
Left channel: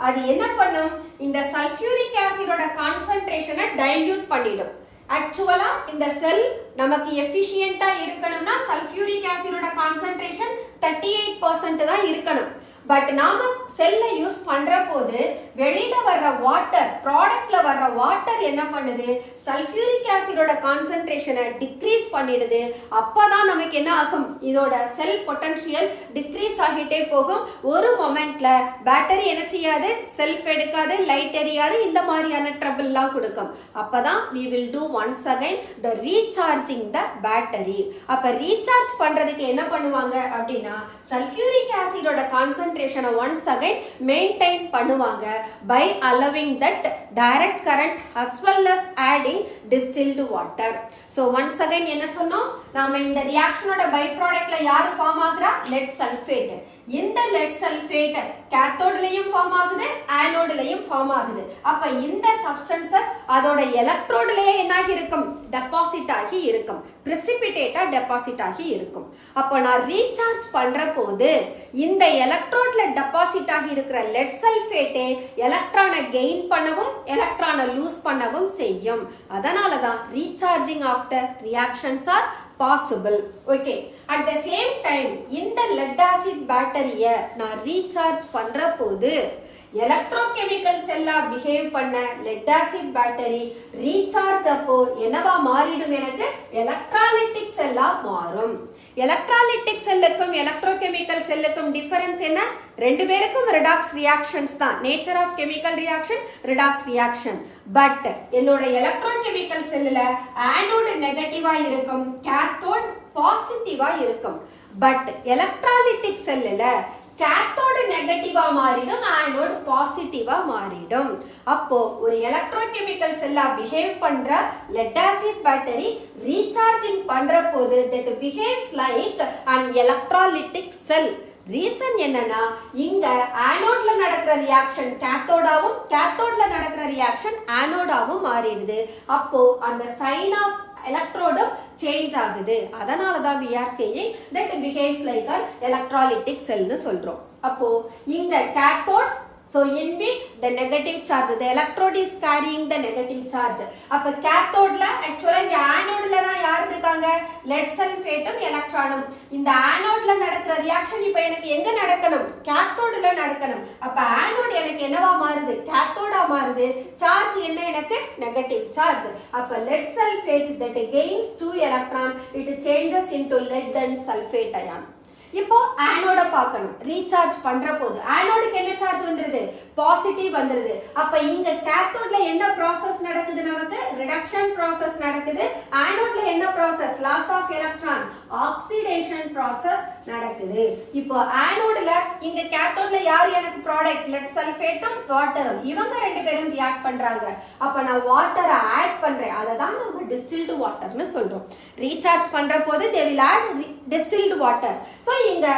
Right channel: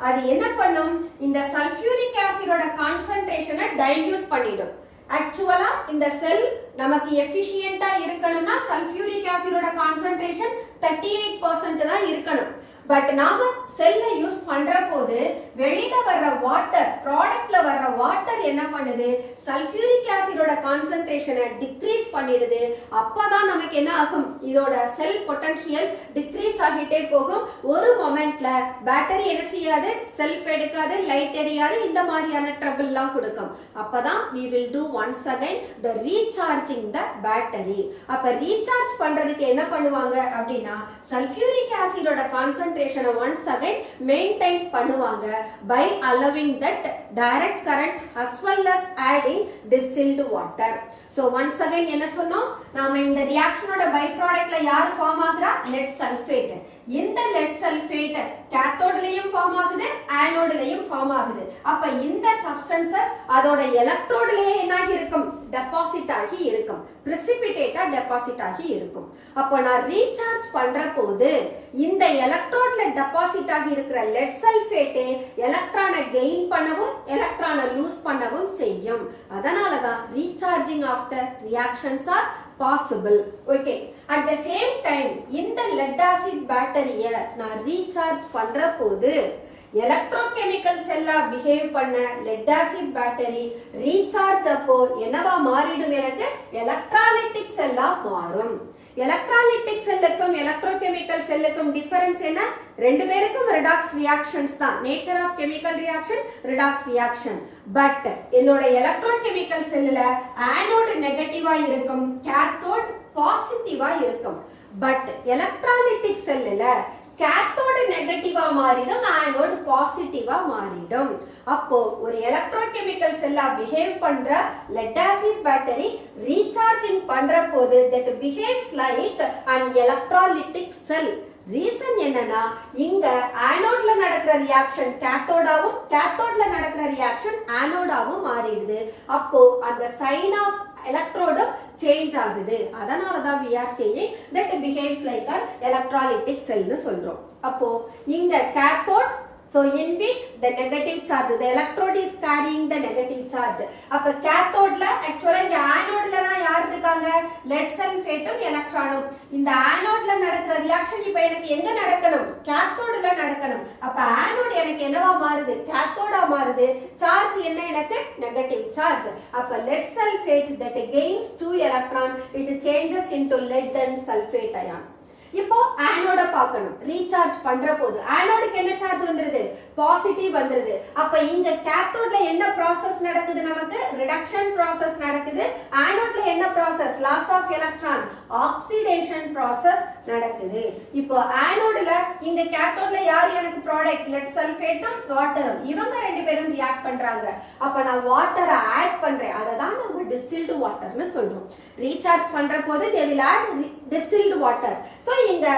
அது என்ன பண்ணும், இந்த சல்ஃபியூரிக் ஆசிடோட கான்சென்ட்ரேஷனை டைல்யூட் பண்ணிடும். ஆக்சுவலா இந்த செல் நமக்கு எஃபிஷியன்ட்டா இருக்கணும்னா சல்ஃபியூரிக் ஆசிடோட கான்சென்ட்ரேஷன் 38% தான் இருக்கணும். பட் நாம செல்லை யூஸ் பண்ற போது வெளியில வர்ற வாட்டர், ப்ராடக்ட்ல வர்ற வாட்டர் என்ன பண்ணுது, சல்ஃபியூரிக் ஆசிடோட கான்சென்ட்ரேஷனை டிக்ரீஸ் பண்ணிடுது. அப்பதான் நமக்கு என்ன ஆகும், இதோட செல் பொட்டன்ஷியல் டிக்ரீஸ் ஆகிட்டே போகும். ஒரு மொமெண்ட்ல பேட்டரி என்ன செய்யாது, செல்ஃப் எடுக்காது, லைட் எரியாது, இந்த மாதிரியான ட்ரபிள்லாம் கொடுக்கும். அப்பதான் we will do once again the recharging the battery. அப்ப ரீசார்ஜ் பண்றதுக்கு என்ன பண்ணுவாங்க அப்படின்னா சல்ஃபியூரிக் ஆசிடோட கான்சென்ட்ரேஷனை once again maintain பண்ணுவாங்க by allowing that direct current as well as adding distilled water. So once again என்ன சொன்னோம், நாம இந்த ரியாக்ஷனோட பை ப்ராடக்ட்ல யார் ஃபார்ம் ஆகுறா, லெட் சல்ஃபேட். இந்த லெட் சல்ஃபேட் கேத்தோட்லயும் ஃபார்ம் ஆகுது, ஆனோட்லயும் ஃபார்ம் ஆகுது. அப்ப இந்த சப்ஸ்டன்சஸ் அதோட எலக்ட்ரோட்லயே என்னாகி இருக்கும், டெபாசிட் ஆகி இருக்கும், பிரிசிபிடேட்டா டெபாசிட் ஆகி இருக்கும். அப்போ நான் ரீசார்ஜ் பண்ற போது இந்த எலக்ட்ரோட்ல டெபாசிட் ஆகி இருக்கிற லெட் சல்ஃபேட்டே எலக்ட்ரானை கெயின் பண்ணவும் எலக்ட்ரானை லூஸ் பண்ணவும் செய்யும். அதனாலதான் recharging of the reactions are possible. Okay. At the same time, இந்த lead acid battery-ய நான் ரீசார்ஜ் பண்ற போது எலக்ட்ரோகெமிக்கல் செல்லா பிஹேவ் பண்ண லெட் ஆசிட் பேட்டரி ரீசார்ஜ் அப்போ என்னவா மாறிடும், எனக்கு எலக்ட்ராலிட்டிக் செல்லா மாறும். எலக்ட்ராலிட்டிக் செல்லுக்கும் எலக்ட்ரோகெமிக்கல் செல்லுக்கும் டிஃபரன்ஸ் என்ன, ரெண்டு பேருக்கும் ரிடாக்ஸ் ரியாக்ஷன்ஸ் தான். Nature of chemical reaction redox reaction. But என்னோட எலக்ட்ரோகெமிக்கல் செல்லுல ஆனோடு நெகட்டிவா இருக்கும், கேத்தோட் பாசிட்டிவா இருக்கும். பட் எலக்ட்ராலிட்டிக் செல்லுல கேத்தோடு நெகட்டிவா மாறிடும், ஆனோடு பாசிட்டிவா மாறிடும். அப்போ ஒரு எலக்ட்ரோகெமிக்கல் செல்லா பிஹேவ் பண்ற லெட் ஆசிட் பேட்டரி ரீசார்ஜிங் பண்ற போது that behaves like an electrolytic cell. Reason என்னன்னா இங்க ஆனோட்ல நடக்கிற ரியாக்ஷன் கேத்தோடாவும் கேத்தோட்ல நடக்கிற ரியாக்ஷன் ஆனோடாவும் மாறிடுது. அப்போ அந்த சைன் ஆஃப் எலக்ட்ரோடும் சேஞ்ச் ஆகுது. அதனாலதான் we are saying that it behaves like an electrolytic cell னு சொல்றோம். அப்போ இங்க cathode, so in which the negative charge, the electrode is carrying the negative charge. அப்ப cathodeல actually இங்க anodeல தான் யார் இருக்காங்க, lead sulfateம் எலக்ட்ரானும். இந்த anodeல நடக்கிற ரியாக்ஷன் இப்போ எனக்கு எங்க நடக்கணும், cathodeல நடக்கணும். அப்ப anode எனக்கு என்னவா மாறுது, cathode மாறுது. சார்ஜ் என்ன எனக்கு, நெகட்டிவ் சார்ஜ். அப்ப lead sulfate that gains 2 electron, it changes into lead and sulfate ion. இப்போ ஆனோட பார்க்கணும், ரீசார்ஜ் பண்ற போது ஆனோடுக்கு என்ன சார்ஜ் வந்துருது, பாசிட்டிவ் வந்துருது. அப்ப இங்க கேத்தோட்ல என்ன ப்ராசஸ் நடக்குது, நமக்கு ரிடக்ஷன் ப்ராசஸ் நடக்குது. ஆனோட்ல என்ன process, loss of electron, oxidation process நடக்குது. இப்போ ஆனோட்ல இங்க கேத்தோட்ல யார் எனக்கு ப்ராடக்ட், லெட் சல்ஃபேட்டும் வாட்டரும், இவங்க ரெண்டு பேரும் ரியாக்ட் பண்றாங்க. அப்ப நான் வாட்டரை ஆட் பண்றேன், அதை தான் நம்ம டிஸ்டில்டு வாட்டர்னு சொல்றோம். ரீசார்ஜ் பண்ற போது they will add distilled water. So இங்க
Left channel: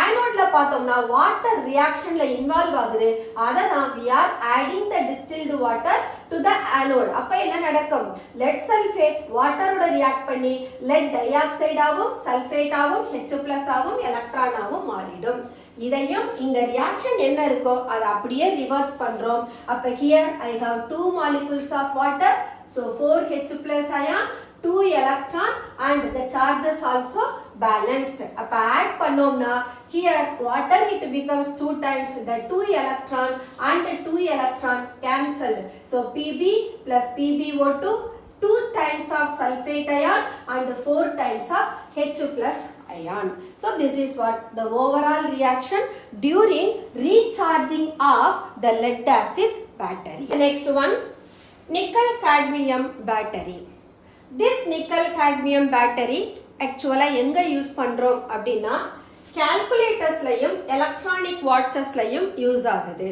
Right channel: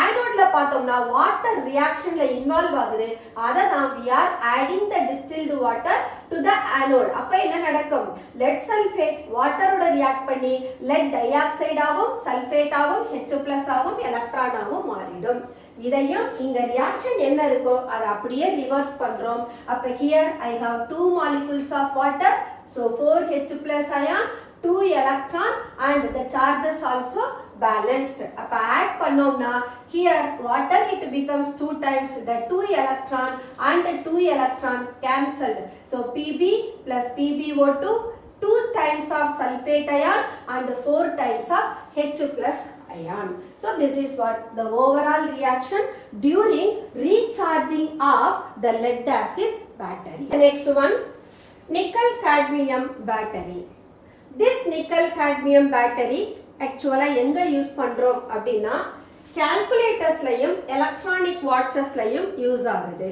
ஆனோட்ல பார்த்தோம்னா வாட்டர் ரியாக்ஷன்ல இன்வால்வ் ஆகுது. அதை தான் we are adding the distilled water to the anode. அப்ப என்ன நடக்கும், lead sulfate வாட்டரோட ரியாக்ட் பண்ணி lead dioxide ஆவும் சல்ஃபேட் ஆவும் H+ ஆவும் எலக்ட்ரான் ஆவும் மாறிடும். இதையும் இங்க ரியாக்ஷன் என்ன இருக்கோ அதை அப்படியே ரிவர்ஸ் பண்றோம். அப்ப here I have 2 molecules of water, so 4H+ ion, 2 electron and the charges also balanced. அப்ப ஆட் பண்ணோம்னா here water it becomes 2 times the 2 electron and 2 electron cancelled. So Pb plus PbO2, 2 times of sulfate ion and 4 times of H+ ion. So this is what the overall reaction during recharging of the lead acid battery. The next one, nickel cadmium battery. This nickel cadmium battery actually எங்க யூஸ் பண்றோம் அப்படின்னா கால்குலேட்டர்ஸ்லயும் எலக்ட்ரானிக் வாட்சஸ்லயும் யூஸ் ஆகுது.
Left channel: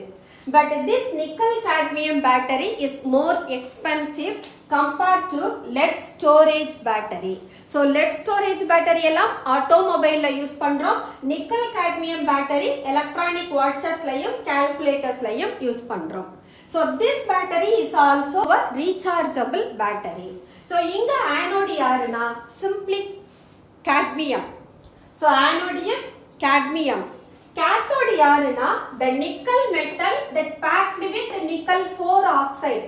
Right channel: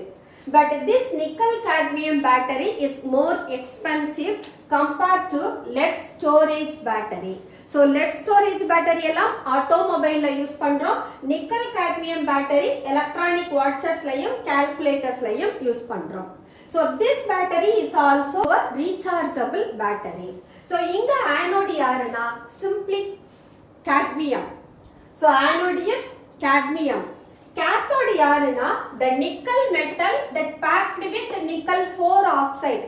But this nickel cadmium battery is more expensive compared to lead storage battery. So lead storage battery எல்லாம் automobile யூஸ் பண்றோம். nickel cadmium battery electronic watches லையும் calculators லையும் யூஸ் பண்றோம். So this battery is also a rechargeable battery. So இங்க anode யாருன்னா simply cadmium. So anode is cadmium. Cathode யாருன்னா the nickel metal that packed with nickel 4 oxide.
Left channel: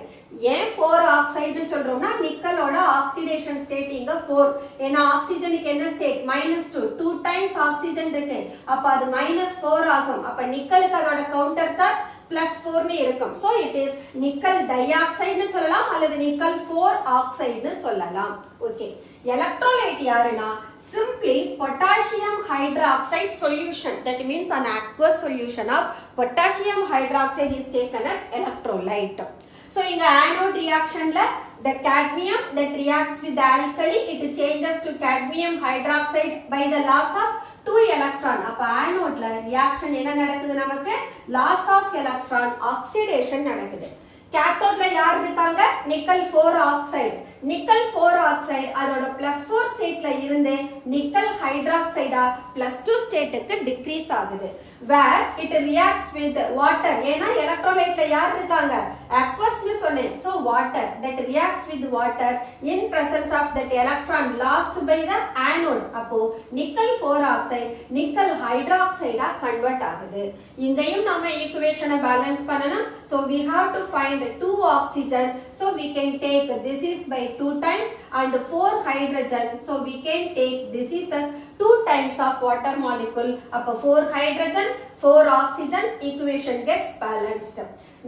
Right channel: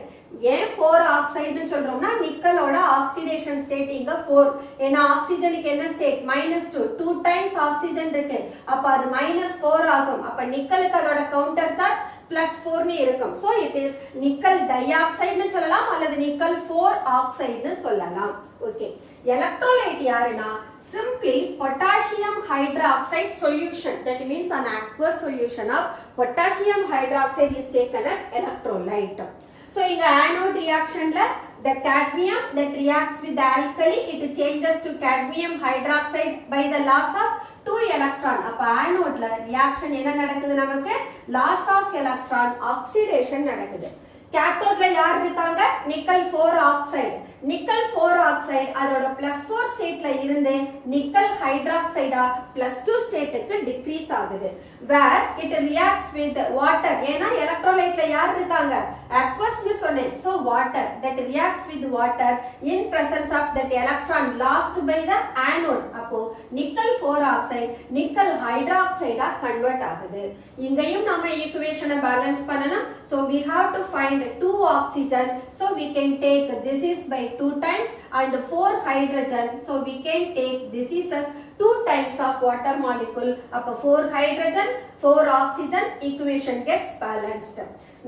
ஏன் 4 oxide சொல்றோம்னா நிக்கலோட ஆக்சிடேஷன் ஸ்டேட் இங்க 4. ஏன்னா ஆக்சிஜனுக்கு என்ன ஸ்டேட் -2. 2 டைம்ஸ் ஆக்சிஜன் இருக்கு. அப்ப அது -4 ஆகும். அப்ப நிக்கலுக்கு அதோட கவுண்டர் சார்ஜ் +4 னு இருக்கும். So it is nickel dioxide னு சொல்லலாம் அல்லது nickel 4 oxide னு சொல்லலாம். ஓகே. Electrolyte யாருன்னா simply potassium hydroxide solution. That means an aqueous solution of potassium hydroxide is taken as electrolyte. So இங்க anode reactionல the cadmium that reacts with the alkali, it changes to cadmium hydroxide by the loss of 2 electron. அப்ப anodeல reaction என்ன நடக்குது நமக்கு? Loss of electron, oxidation நடக்குது. கேத்தோட்ல யார் இருக்காங்க? Nickel 4 oxide. நிக்கல் 4 ஆக்சைடு அதோட +4 ஸ்டேட்ல இருந்து நிக்கல் ஹைட்ராக்சைடா +2 ஸ்டேட்டுக்கு டிக்ரீஸ் ஆகுது. where it reacts with water. ஏன்னா எலக்ட்ரோலைட்ல யார் இருக்காங்க? aqueous னு சொன்னேன். so water that reacts with water in presence of that electron lost by the anode. அப்போ நிக்கல் 4 ஆக்சைடு நிக்கல் ஹைட்ராக்சைடா கன்வெர்ட் ஆகுது. இங்கேயும் நம்ம ஈக்குவேஷனை பேலன்ஸ் பண்ணணும். so we have to find 2 oxygen, so we can take this is by 2 times and 4 hydrogen, so we can take this is as 2 times of water molecule. அப்ப 4 hydrogen 4 oxygen, equation gets balanced.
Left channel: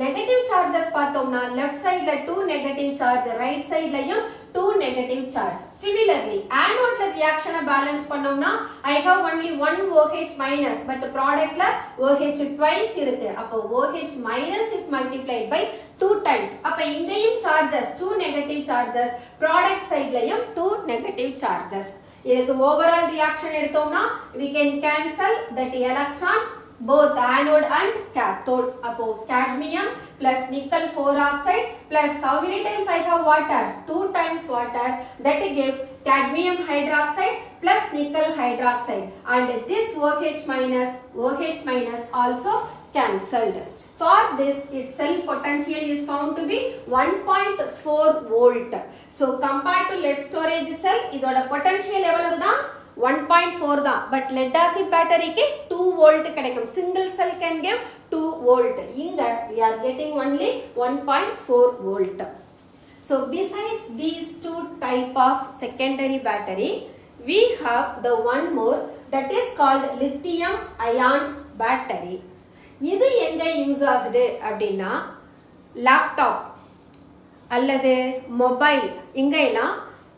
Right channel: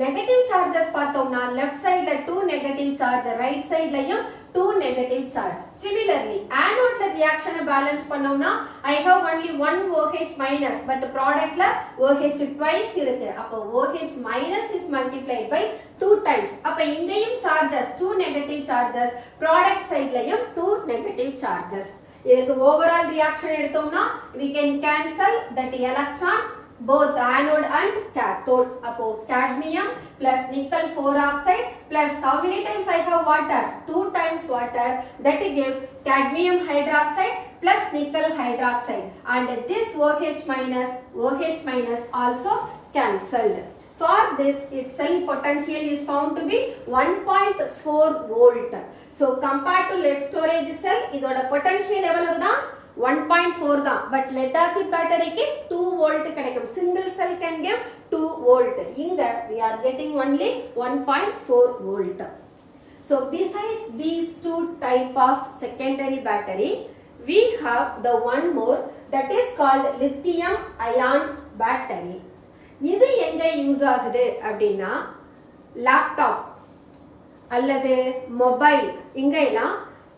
negative charges பார்த்தோம்னா left sideல 2 negative charge, right sideலயும் 2 negative charge. Similarly anode ல reaction balance பண்ணோம்னா I have only 1 OH minus, but productல OH twice இருக்கு. அப்ப OH minus is multiplied by 2 times. அப்ப இங்கேயும் charges 2 negative charges, product sideலயும் 2 negative charges. இதுக்கு overall reaction எடுத்தோம்னா we can cancel that electron both anode and cathode. அப்போ cadmium plus nickel 4 oxide plus how many times I have water? 2 times water, that gives cadmium hydroxide plus nickel hydroxide, and this OH minus also cancelled. For this its cell potential is found to be 1.4 volt. So compared to lead storage cell இதோட potential எவ்வளவு தான்? 1.4 தான். பட் lead acid batteryக்கு 2 volt கிடைக்கும். single cell can give 2 volt. இங்க we are getting only 1.4 volt. So besides these two type of secondary battery, we have the one more that is called lithium ion battery. இது எங்க யூஸ் ஆகுது அப்படின்னா லேப்டாப் அல்லது மொபைல், இங்க எல்லாம்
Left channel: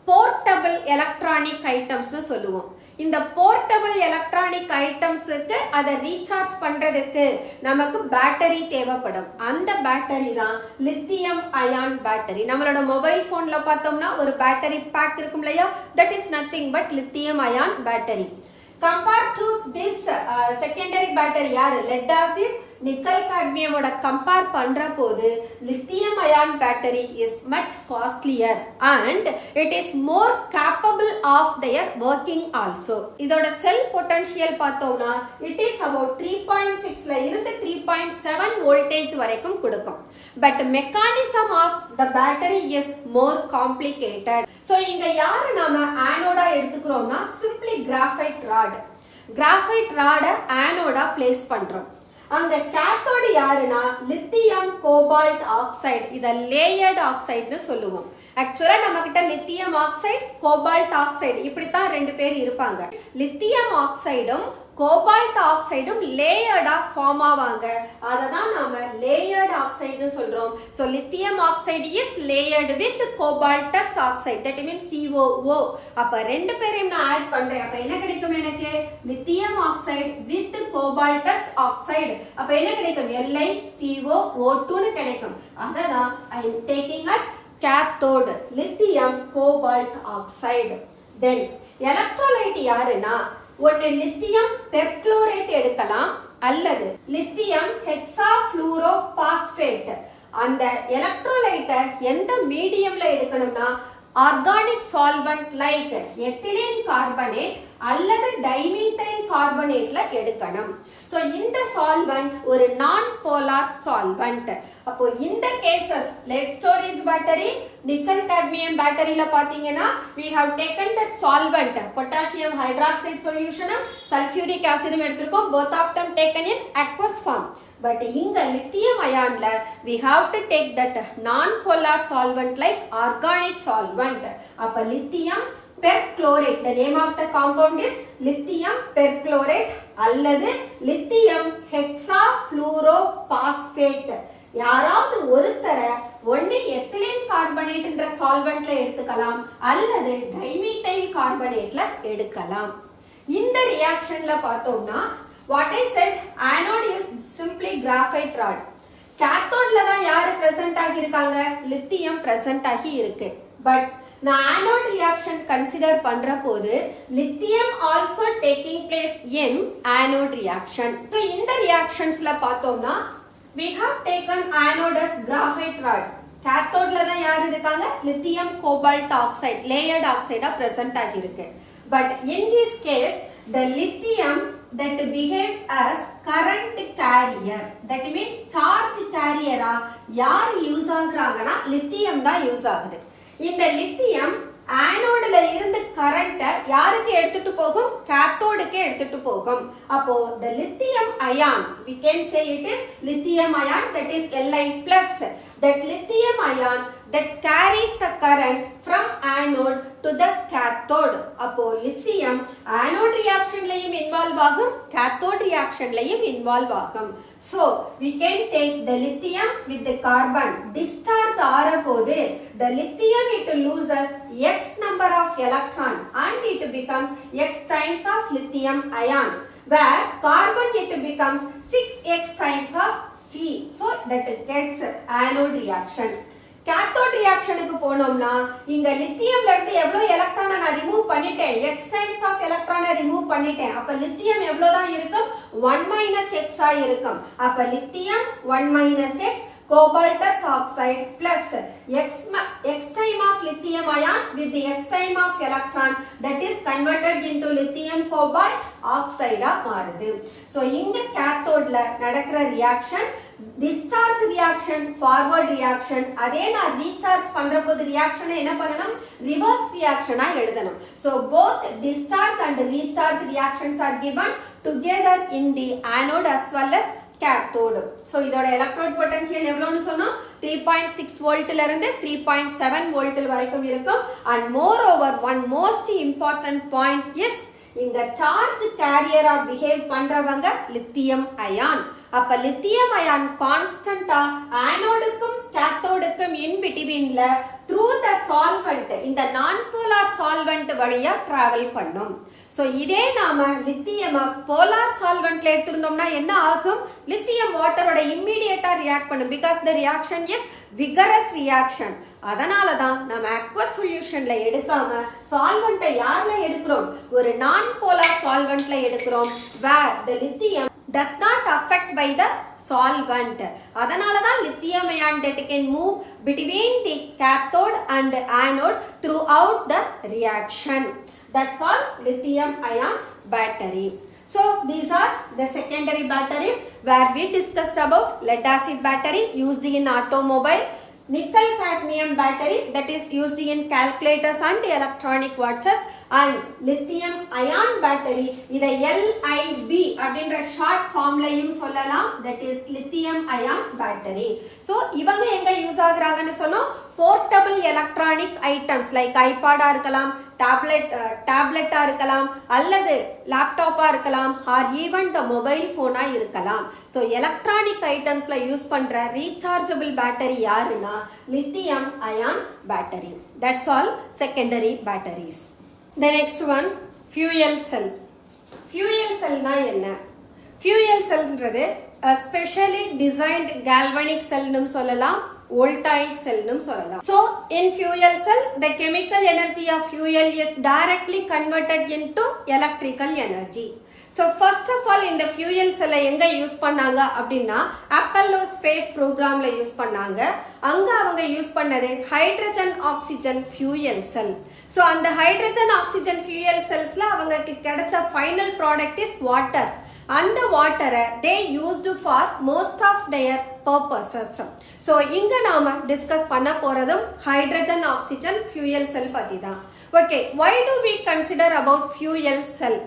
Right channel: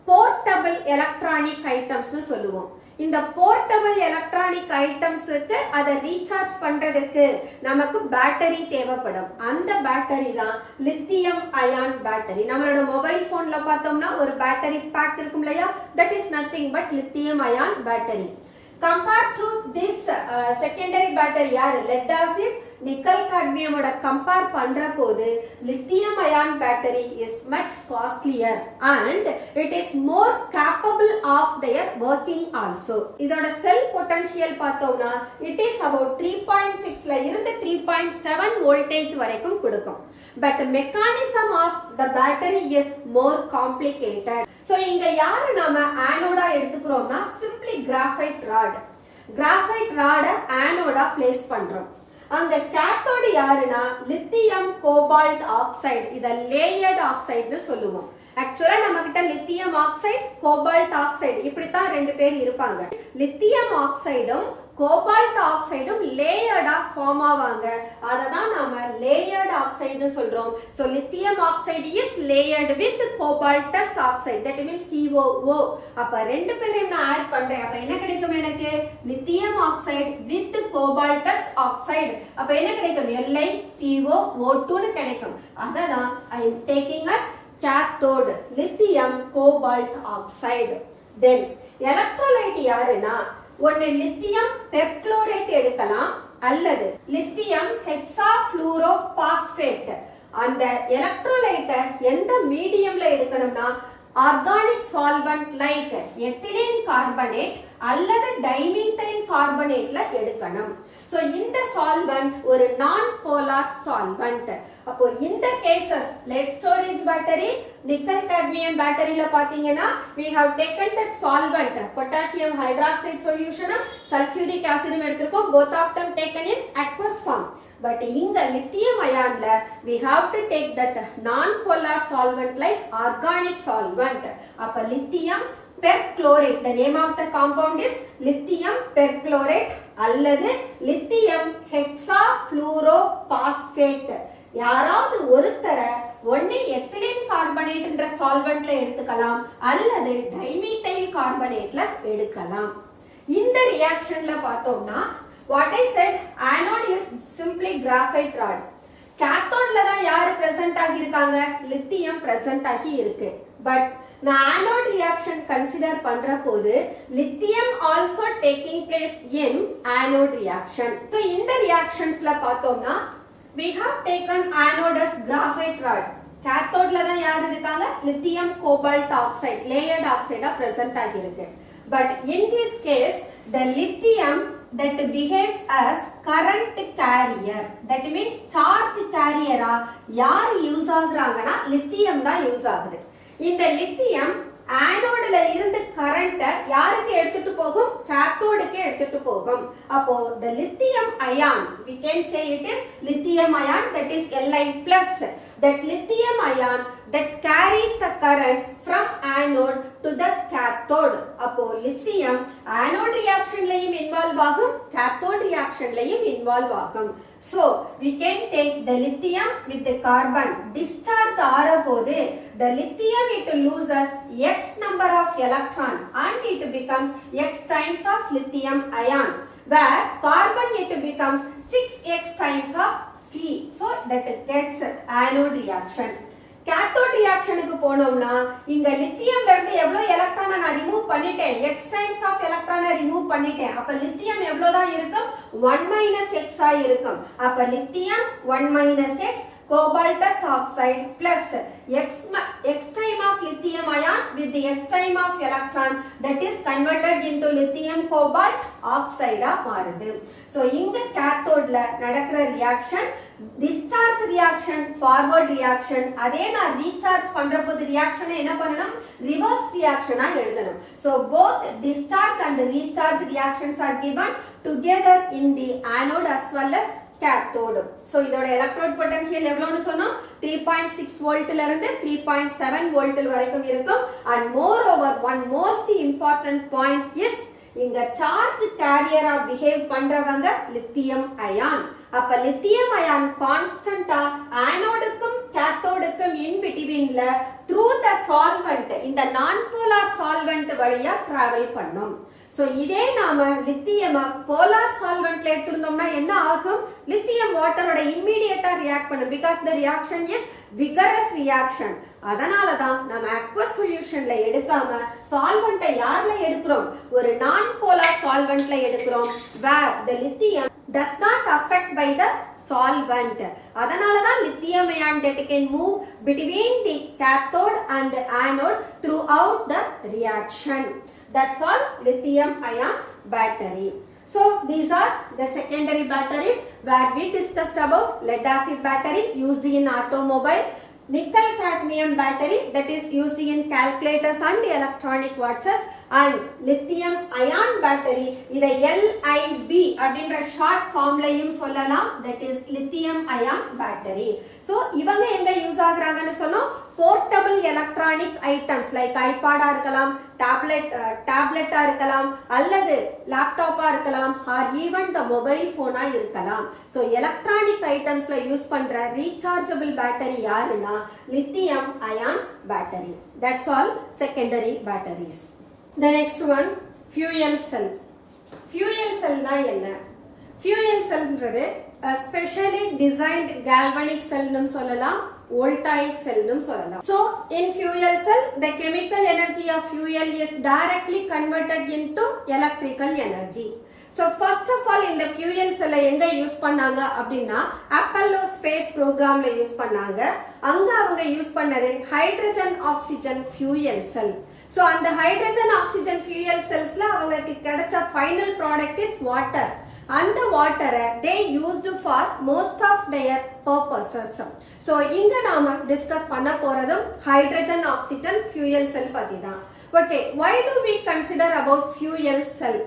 போர்ட்டபிள் எலக்ட்ரானிக் ஐட்டம்ஸ்னு சொல்லுவோம். இந்த போர்ட்டபிள் எலக்ட்ரானிக் ஐட்டம்ஸுக்கு அதை ரீசார்ஜ் பண்றதுக்கு நமக்கு பேட்டரி தேவைப்படும். அந்த பேட்டரி தான் லித்தியம் அயான் பேட்டரி. நம்மளோட மொபைல் போன்ல பார்த்தோம்னா ஒரு பேட்டரி பேக் இருக்கும் இல்லையா, that is nothing but lithium ion battery. compared to this secondary battery யாரு lead acid nickel cadmium ஓட compare பண்ற போது lithium ion battery is much costlier and it is more capable of their working also. இதோட cell potential பார்த்தோம்னா it is about 3.6 ல இருந்து 3.7 voltage வரைக்கும் கொடுக்கும். but mechanism of the battery is more complicated. so இங்க யாரு நாம ஆனோடா எடுத்துக்கிறோம்னா simply graphite rod. graphite rod ஆனோடா place பண்றோம். அங்க கேத்தோடு யாருன்னா லித்தியம் கோபால்ட் ஆக்சைடு. இத லேயர்ட் ஆக்சைடுன்னு சொல்லுவோம். ஆக்சுவலா நம்ம கிட்ட லித்தியம் ஆக்சைடு கோபால்ட் ஆக்சைடு இப்படித்தான் ரெண்டு பேர் இருப்பாங்க. லித்தியம் ஆக்சைடும் கோபால்ட் ஆக்சைடும் லேயர்டா ஃபார்ம் ஆவாங்க. அததான் நாம லேயர்ட் ஆக்சைடுன்னு சொல்றோம். So lithium oxide is layered with cobaltous oxide, that means COO. அப்ப ரெண்டு பேரையும் நான் ஆட் பண்றேன். அப்ப என்ன கிடைக்கும் எனக்கு? Lithium oxide with cobaltous oxide. அப்ப என்ன கிடைக்கும்? LiCOO2 னு கிடைக்கும். அததான் I am taking as cathode lithium cobalt oxide. then electrolyte யாருன்னா ஒன்னு லித்தியம் பெர்குளோரேட் எடுக்கலாம் அல்லது லித்தியம் ஹெக்ஸாஃப்ளூரோபாஸ்பேட். அந்த எலக்ட்ரோலைட்டை எந்த மீடியம்ல எடுக்கணும்னா organic solvent like ethylene carbonate அல்லது டைமீத்தைல் கார்பனேட்ல எடுக்கணும். சோ இந்த சால்வெண்ட் ஒரு நான் போலார் சால்வெண்ட். அப்போ இந்த cases lead storage battery, nickel cadmium பேட்டரியில பாத்தீங்கன்னா we have taken that solvent potassium hydroxide solution, sulfuric acid எடுத்திருக்கோம், both of them taken in aqueous form. But இங்க lithium ionல we have to take that non-polar solvent like organic solvent. அப்ப lithium perchlorate, the name of the compound is lithium perchlorate அல்லது lithium hexafluorophosphate. யாராவது ஒருத்தர ஒன்னு எத்திலீன் கார்பனேட்ன்ற சால்வெண்ட்ல எடுத்துக்கலாம் அல்லது டைமீத்தைல் கார்பனேட்ல எடுக்கலாம். இந்த ரியாக்ஷன்ல பார்த்தோம்னா what I said, anode is simply graphite rod. cathode தான் யாரு present ஆகி இருக்காங்க? லித்தியம் present ஆகி இருக்கு. பட் நான் anode reaction consider பண்ற போது lithium also taking place in anode reaction. So இந்த reactionsல பார்த்தோம்னா we have taken anode as graphite rod. cathode தான் யாரு இருக்காங்க? Lithium cobalt oxide layered oxide present ஆகி இருக்கு. But in this case the lithium that behaves as current carrier, that means charge carrier யார் யூஸ் ஆகுறாங்கன்னா லித்தியம் தான் யூஸ் ஆகுது. இந்த லித்தியம் ஆனோட்ல இருந்து கரண்ட யாருக்கு எடுத்துட்டு போகும்? கேத்தோடுக்கு எடுத்துட்டு போகும். அப்போ the lithium ion, we can say it is lithium ion, that is Li+. That lithium ion that carries the current from anode to the cathode. அப்போ lithium anode reactionலயும் involve ஆகும், cathode reactionலயும் involve ஆகும். So we can take the lithium with the carbon. Discharge ஆற போது the lithium it loses x number of electron and it becomes x times of lithium ion, where carbon it becomes 6x times of C. So that gets anode reaction. cathode reactionக்கு போனோம்னா இங்க லித்தியம்ல இருந்து எவ்வளவு எலக்ட்ரானை நான் ரிமூவ் பண்ணிட்டேன், x times of எலக்ட்ரானை ரிமூவ் பண்ணிட்டேன். அப்ப லித்தியம் எவ்வளவுதான் இருக்கும்? 1 - x ஆ இருக்கும். அப்ப lithium 1 - x cobaltous oxide plus x time of lithium ion with the x time of electron, that is converted into lithium cobalt oxide மாறுது. So இங்க cathodeல நடக்கிற reaction discharge reaction, forward reaction. அதே நான் recharge பண்ற போது reaction என்ன பண்ணணும்? reverse reaction எழுதணும். So both discharge and recharge reactions are given together in the anode as well as cathode. So இதோட electrode potential எவ்வளவுன்னு சொன்னோம்? 3.6 வோல்ட்ல இருந்து 3.7 வோல்ட் வரைக்கும் இருக்கும். And moreover one most important point is இங்க சார்ஜ் கேரியரா பிஹேவ் பண்றவங்க லித்தியம் அயான். அப்ப லித்தியம் அயான் கான்ஸ்டன்டா ஆனோடுக்கும் கேத்தோடுக்கும் இன் பிட்வீன்ல த்ரூ த சால்வெண்ட், இந்த நான் போலார் சால்வெண்ட் வழியா டிராவல் பண்ணும். சோ இதே நாம லித்தியம் போலார் சால்வெண்ட்ல எடுத்திருந்தோம்னா என்ன ஆகும்? லித்தியம் வாட்டரோட இம்மிடியேட்டா ரியாக்ட் பண்ணும். Because the reaction is vigorous reaction. அதனால தான் நம்ம அக்வஸ் சொல்யூஷன்ல எடுக்காம சால்வெண்ட்டை யார்ல எடுக்கிறோம்? ஒரு நான் போலார் சால்வெண்ட்ல எடுக்கிறோம், where the lithium does not affect by the solvent. அதனால தான் lithium ion that can move between the cathode and anode throughout the reaction. That's all lithium ion battery. So these are the secondary batteries where we discussed about lead acid battery used in automobile, nickel cadmium battery that is used in calculators and electronic watches, and lithium ion battery இதை LIB அப்படின்ற ஷார்ட் ஃபார்ம்லயும் சொல்லலாம், that is lithium ion battery. So இவங்க எங்க யூஸ் ஆகுறாங்கன்னு சொன்னோம்? போர்ட்டபிள் எலக்ட்ரானிக் ஐட்டம்ஸ் லைக் ஐபாடா இருக்கலாம், டேப்லெட்டா இருக்கலாம், அல்லது லேப்டாப்பா இருக்கலாம், ஆர் ஈவன் த மொபைல் போனா இருக்கலாம். ஸோ எலக்ட்ரானிக் ஐட்டம்ஸ்ல யூஸ் பண்ற ரீசார்ஜபிள் பேட்டரி யாருன்னா lithium ion battery. That's all secondary batteries. The next one, fuel cell. Fuel cell na enna? Fuel cell ன்றது a specially designed galvanic cell னு சொல்லலாம், voltaic cell னும் சொல்லலாம். So in fuel cell the chemical energy of fuel is directly converted into electrical energy. So first of all இந்த fuel cell எங்க யூஸ் பண்ணாங்க அப்படின்னா அப்பல்லோ ஸ்பேஸ் ப்ரோக்ராம்ல யூஸ் பண்ணாங்க. அங்க அவங்க யூஸ் பண்ணது hydrogen oxygen fuel cell. So அந்த ஹைட்ரஜன் ஆக்சிஜன் fuel cellsல அவங்களுக்கு கிடைச்ச ஃபைனல் ப்ராடக்ட் இஸ் வாட்டர். அந்த வாட்டரை they used for most of their purposes. So இங்க நாம டிஸ்கஸ் பண்ண போறதும் ஹைட்ரஜன் ஆக்சிஜன் fuel cell பத்தி தான். Okay, why do we consider about fuel cell?